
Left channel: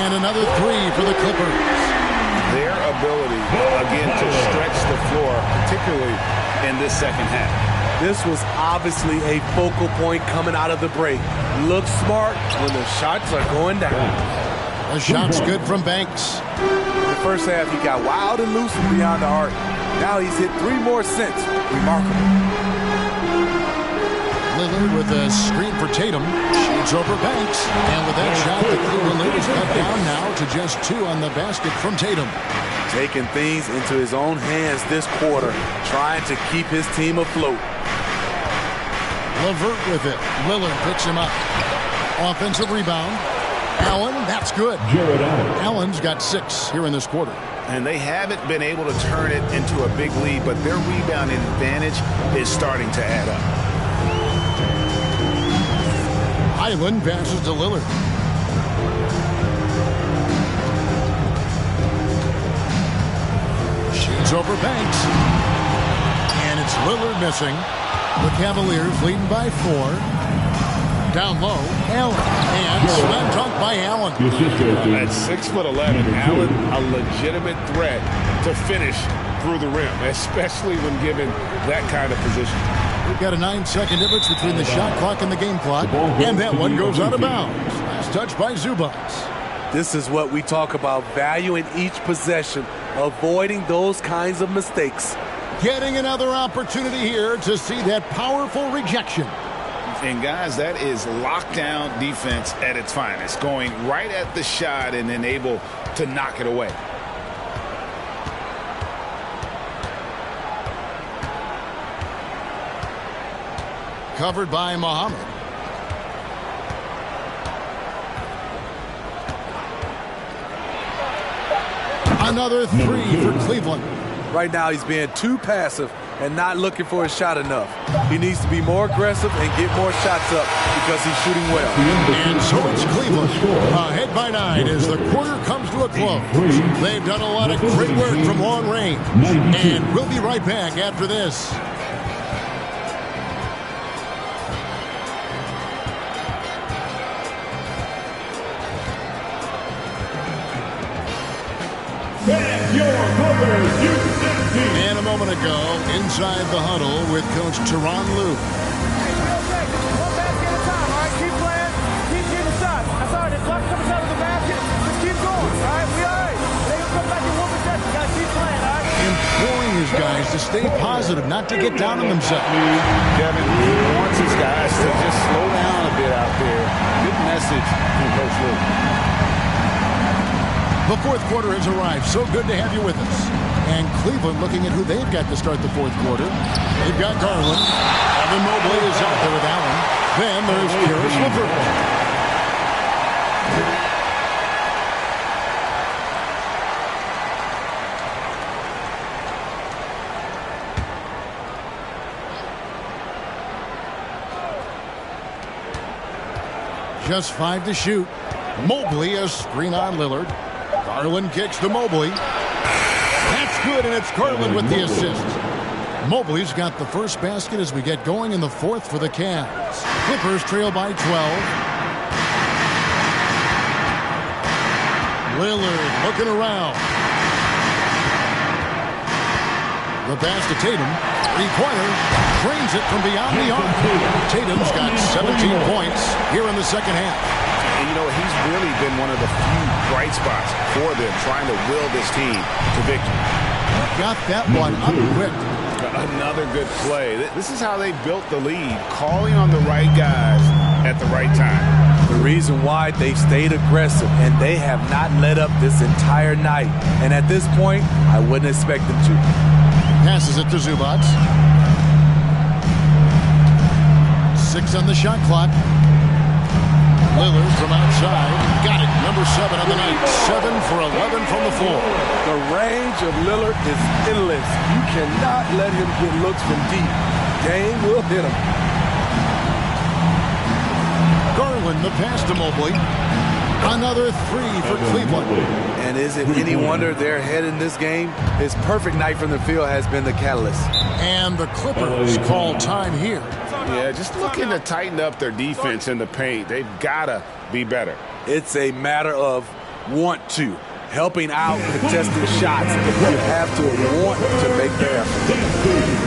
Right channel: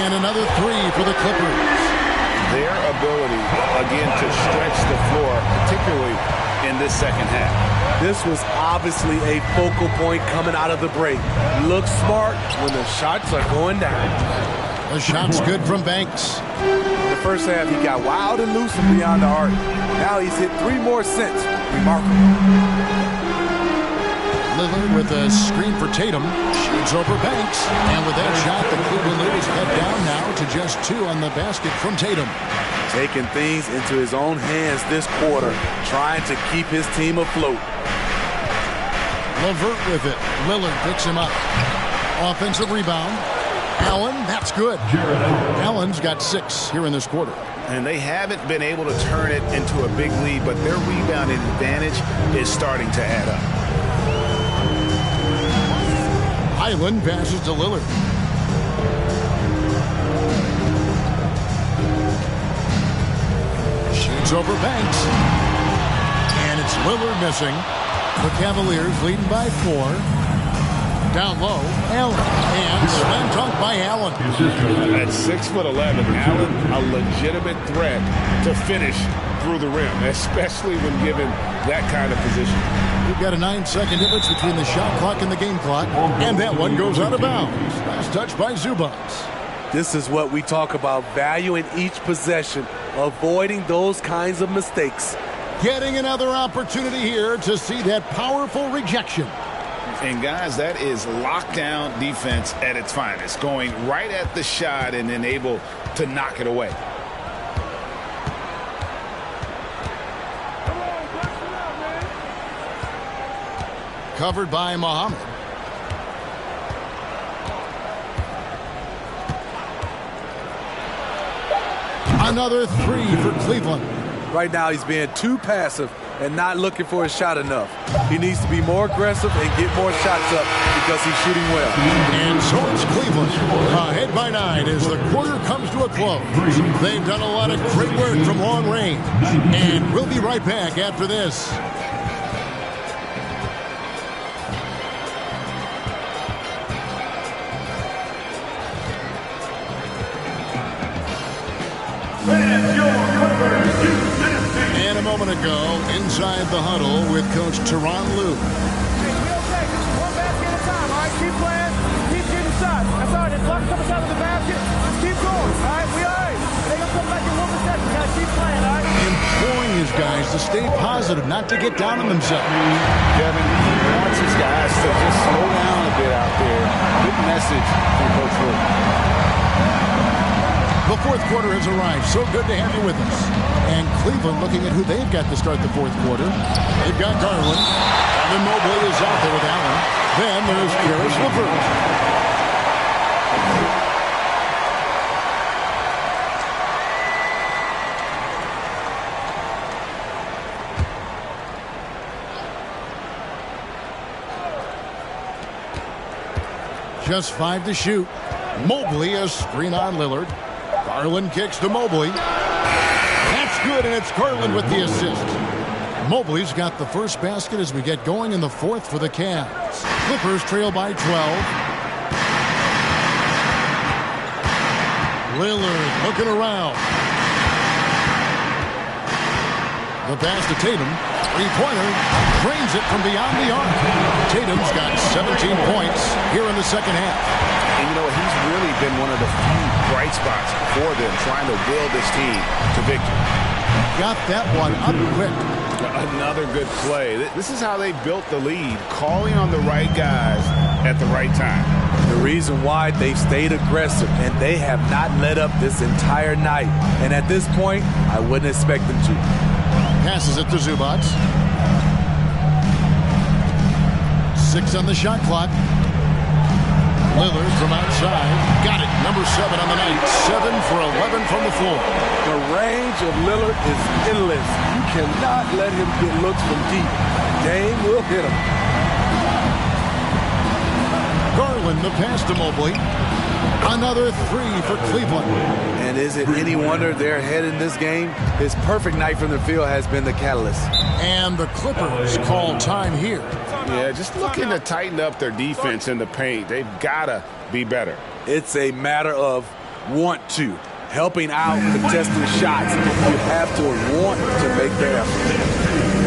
And another 3 for the Clippers. Their ability, again, to stretch the floor, particularly in this second half. This was obviously a focal point coming out of the break. Look smart when the shots are going down. The shot's good from Banks. In the first half, he got wild and loose from beyond the arc. Now he's hit 3 more since. Remarkable. Lillard with a screen for Tatum. Shoots over Banks. And with that shot, the Cleveland lead is cut down now to just 2 on the basket from Tatum. Taking things into his own hands this quarter, trying to keep his team afloat. LeVert with it. Lillard picks him up. Offensive rebound. Allen, that's good. Allen's got 6 here in this quarter. And they haven't been able to turn it into a big lead, but their rebounding advantage is starting to add up. Highland passes to Lillard. Shoots over Banks. And it's Lillard missing. The Cavaliers leading by 4. Down low, Allen. And slam dunk by Allen. At 6'11", Allen, a legitimate threat to finish through the rim, especially when given that kind of position. We've got a 9-second difference between the shot clock and the game clock. And that one goes out of bounds. Last touch by Zubats. This is what we talk about, valuing each possession, avoiding those kinds of mistakes. Getting another opportunity here to see that powerful rejection. And guys, that is lockdown defense at its finest, going right at the shot and then able to knock it away. Covered by Muhammad. Another 3 for Cleveland. Right now he's being too passive and not looking for a shot enough. He needs to be more aggressive and get more shots up because he's shooting well. And so it's Cleveland ahead by 9 as the quarter comes to a close. They've done a lot of great work from long range. And we'll be right back after this. And a moment ago, inside the huddle with Coach Tyronn Lue. Hey, we okay. Just one basket at a time, all right? Keep playing. Keep getting shots. That's all right. If luck comes out of the basket, just keep going, all right? We all right. They're going to come back in one possession. Got to keep playing, all right? Imploring his guys to stay positive, not to get down on themselves. Kevin, he wants his guys to just slow down a bit out there. Good message from Coach Lue. The fourth quarter has arrived. So good to have you with us. And Cleveland looking at who they've got to start the fourth quarter. They've got Garland. Evan Mobley is out there with Allen. Then there's Caris LeVert. Just 5 to shoot. Mobley a screen on Lillard. Garland kicks to Mobley. That's good, and it's Garland with the assist. Mobley's got the first basket as we get going in the fourth for the Cavs. Clippers trail by 12. Lillard looking around. The pass to Tatum. Three-pointer. Trains it from beyond the arc. Tatum's got 17 points here in the second half. And you know, he's really been one of the few bright spots for them, trying to will this team to victory. Got that one up quick. Another good play. This is how they built the lead, calling on the right guys at the right time. The reason why they've stayed aggressive, and they have not let up this entire night. And at this point, I wouldn't expect them to. Passes it to Zubac. 6 on the shot clock. Lillard from outside. Got it. Number 7 on the night. 7 for 11 from the floor. The range of Lillard is endless. You cannot let him get looks from deep. Dame will hit him. Garland the pass to Mobley. Another 3 for Cleveland. And is it any wonder they're ahead in this game? His perfect night from the field has been the catalyst. And the Clippers call time here. Yeah, just looking to tighten up their defense in the paint. They've got to be better. It's a matter of want to. Helping out, contesting shots. You have to want to make the effort.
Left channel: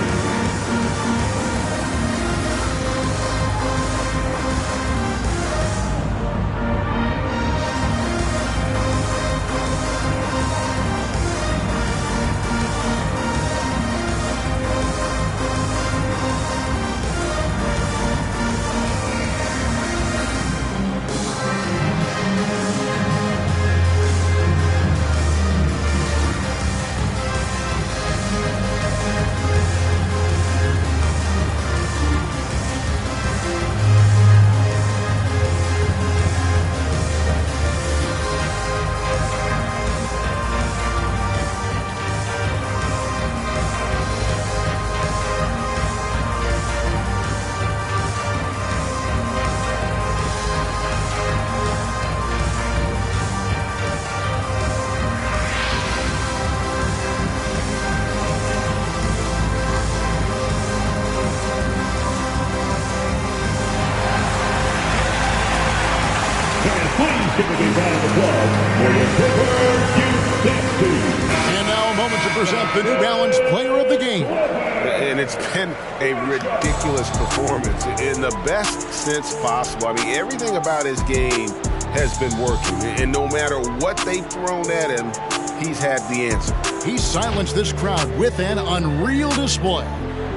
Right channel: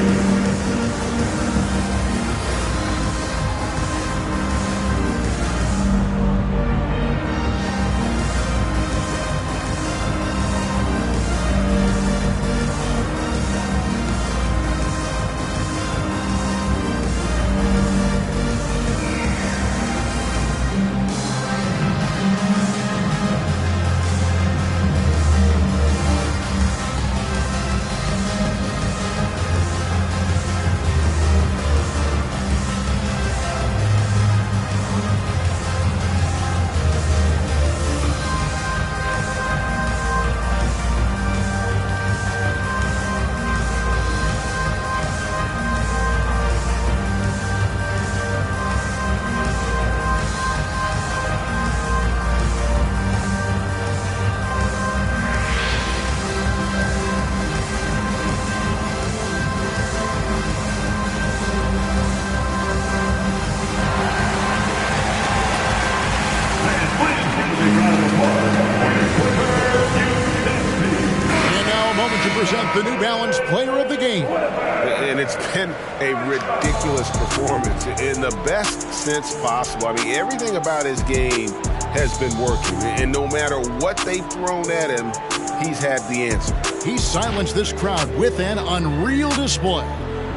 And now a moment to present the New Balance Player of the Game. And it's been a ridiculous performance in the best sense possible. I mean, everything about his game has been working. And no matter what they've thrown at him, he's had the answer. He silenced this crowd with an unreal display.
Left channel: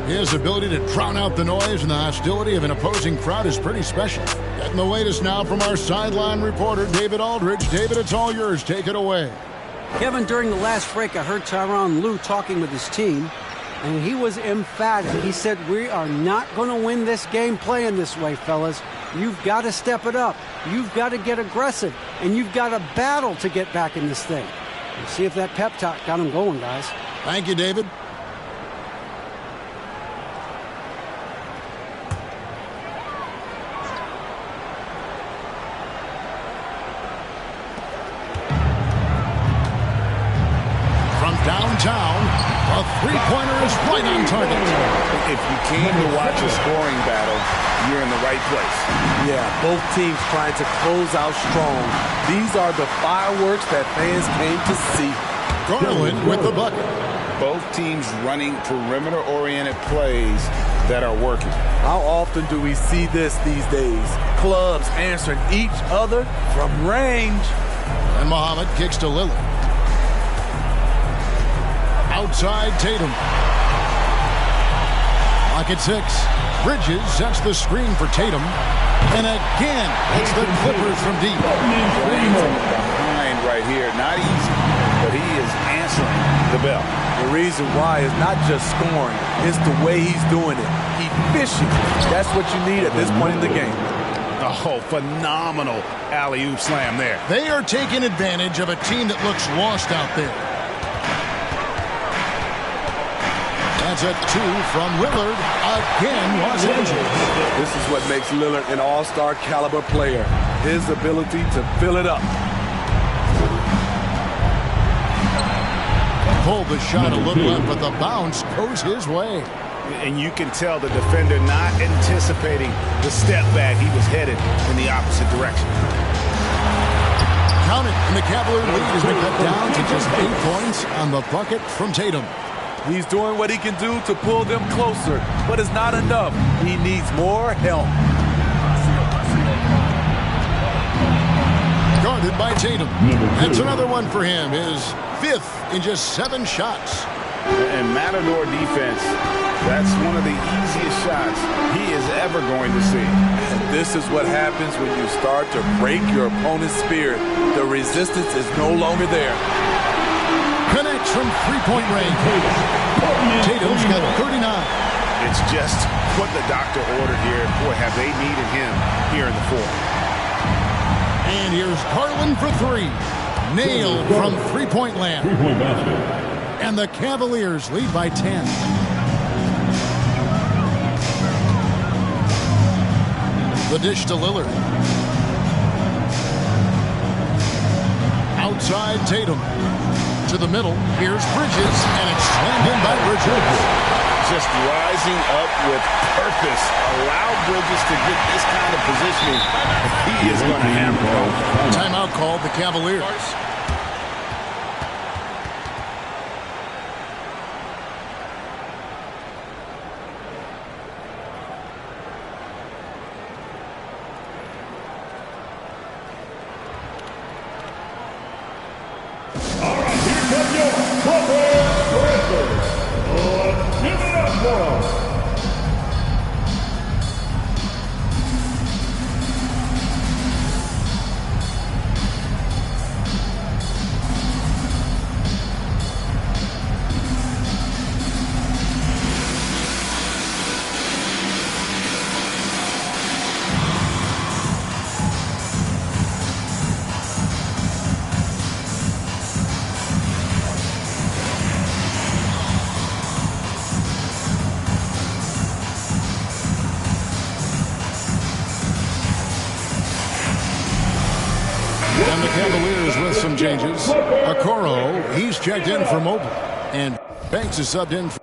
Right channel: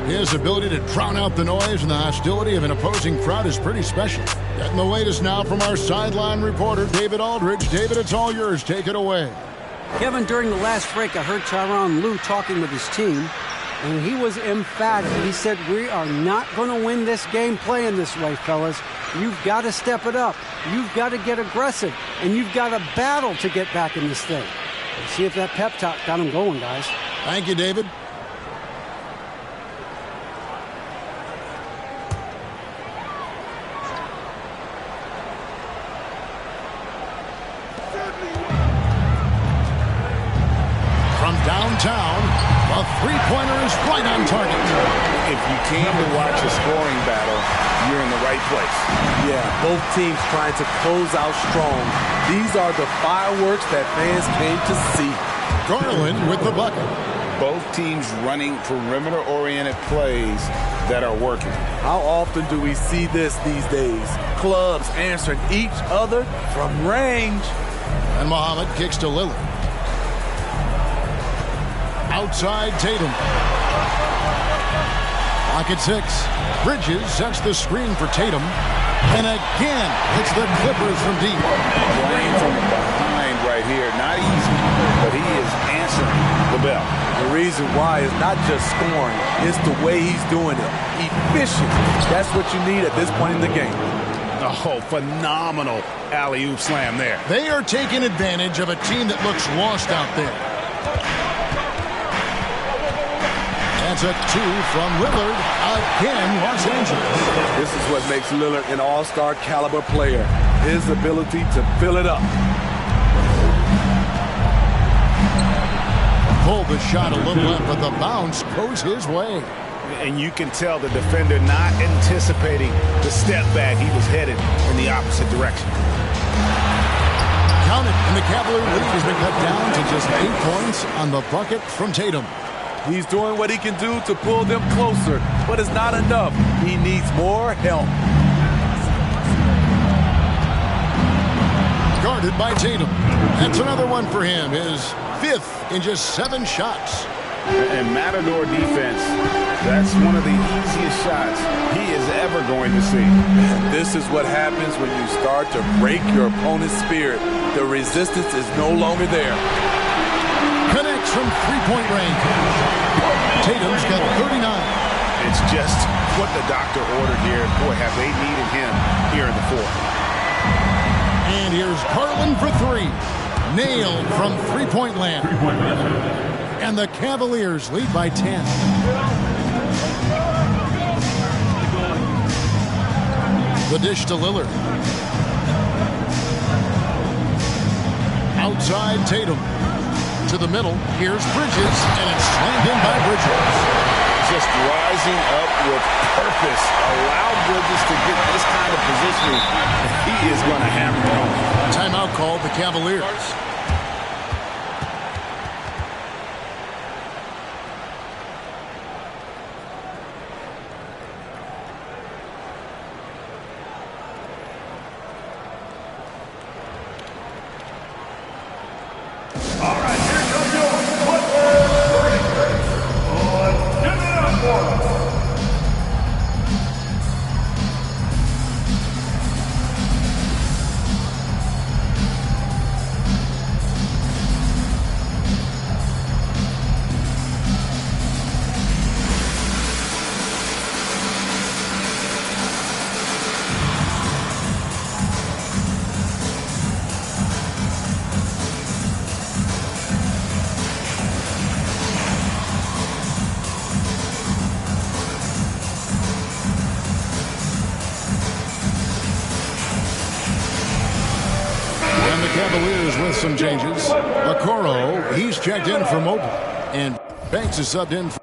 His ability to drown out the noise and the hostility of an opposing crowd is pretty special. Getting the latest now from our sideline reporter, David Aldridge. David, it's all yours. Take it away. Kevin, during the last break, I heard Tyronn Lue talking with his team, and he was emphatic. He said, we are not going to win this game playing this way, fellas. You've got to step it up. You've got to get aggressive, and you've got to battle to get back in this thing. Let's see if that pep talk got him going, guys. Thank you, David. From downtown, a three-pointer is right on target. If you came to watch a scoring battle, you're in the right place. Yeah, both teams trying to close out strong. These are the fireworks that fans came to see. Garland with the bucket. Both teams running perimeter-oriented plays that are working. How often do we see this these days? Clubs answering each other from range. And Muhammad kicks to Lillard. Outside Tatum. Lock at 6. Bridges sets the screen for Tatum. And again, it's the Clippers from deep. Playing from behind right here. Not easy, but he is answering the bell. The reason why is not just scoring. It's the way he's doing it. Efficient. That's what you need at this point in the game. Oh, phenomenal alley-oop slam there. They are taking advantage of a team that looks lost out there. That's a 2 from Lillard. Again, Los Angeles. This is what makes Lillard an all-star caliber player. His ability to fill it up. Pulled the shot a little left, but the bounce goes his way. And you can tell the defender not anticipating the step back. He was headed in the opposite direction. Count it, and the Cavalier lead has been cut down to just 8 points on the bucket from Tatum. He's doing what he can do to pull them closer, but it's not enough. He needs more help. Guarded by Tatum. That's another one for him. His 5th in just 7 shots. And Matador defense, that's one of the easiest shots he is ever going to see. And this is what happens when you start to break your opponent's spirit. The resistance is no longer there. Connects from 3-point range. Tatum's got 39. It's just what the doctor ordered here. Boy, have they needed him here in the 4th. And here's Garland for 3. Nailed from 3-point land. And the Cavaliers lead by 10. The dish to Lillard. Outside Tatum. To the middle. Here's Bridges. And it's slammed in by Bridges. Just rising up with purpose. Allow Bridges to get this kind of positioning. He is going to hammer it home. Timeout called the Cavaliers. And the Cavaliers with some changes. Okoro, he's checked in for Mobley. And Banks is subbed in for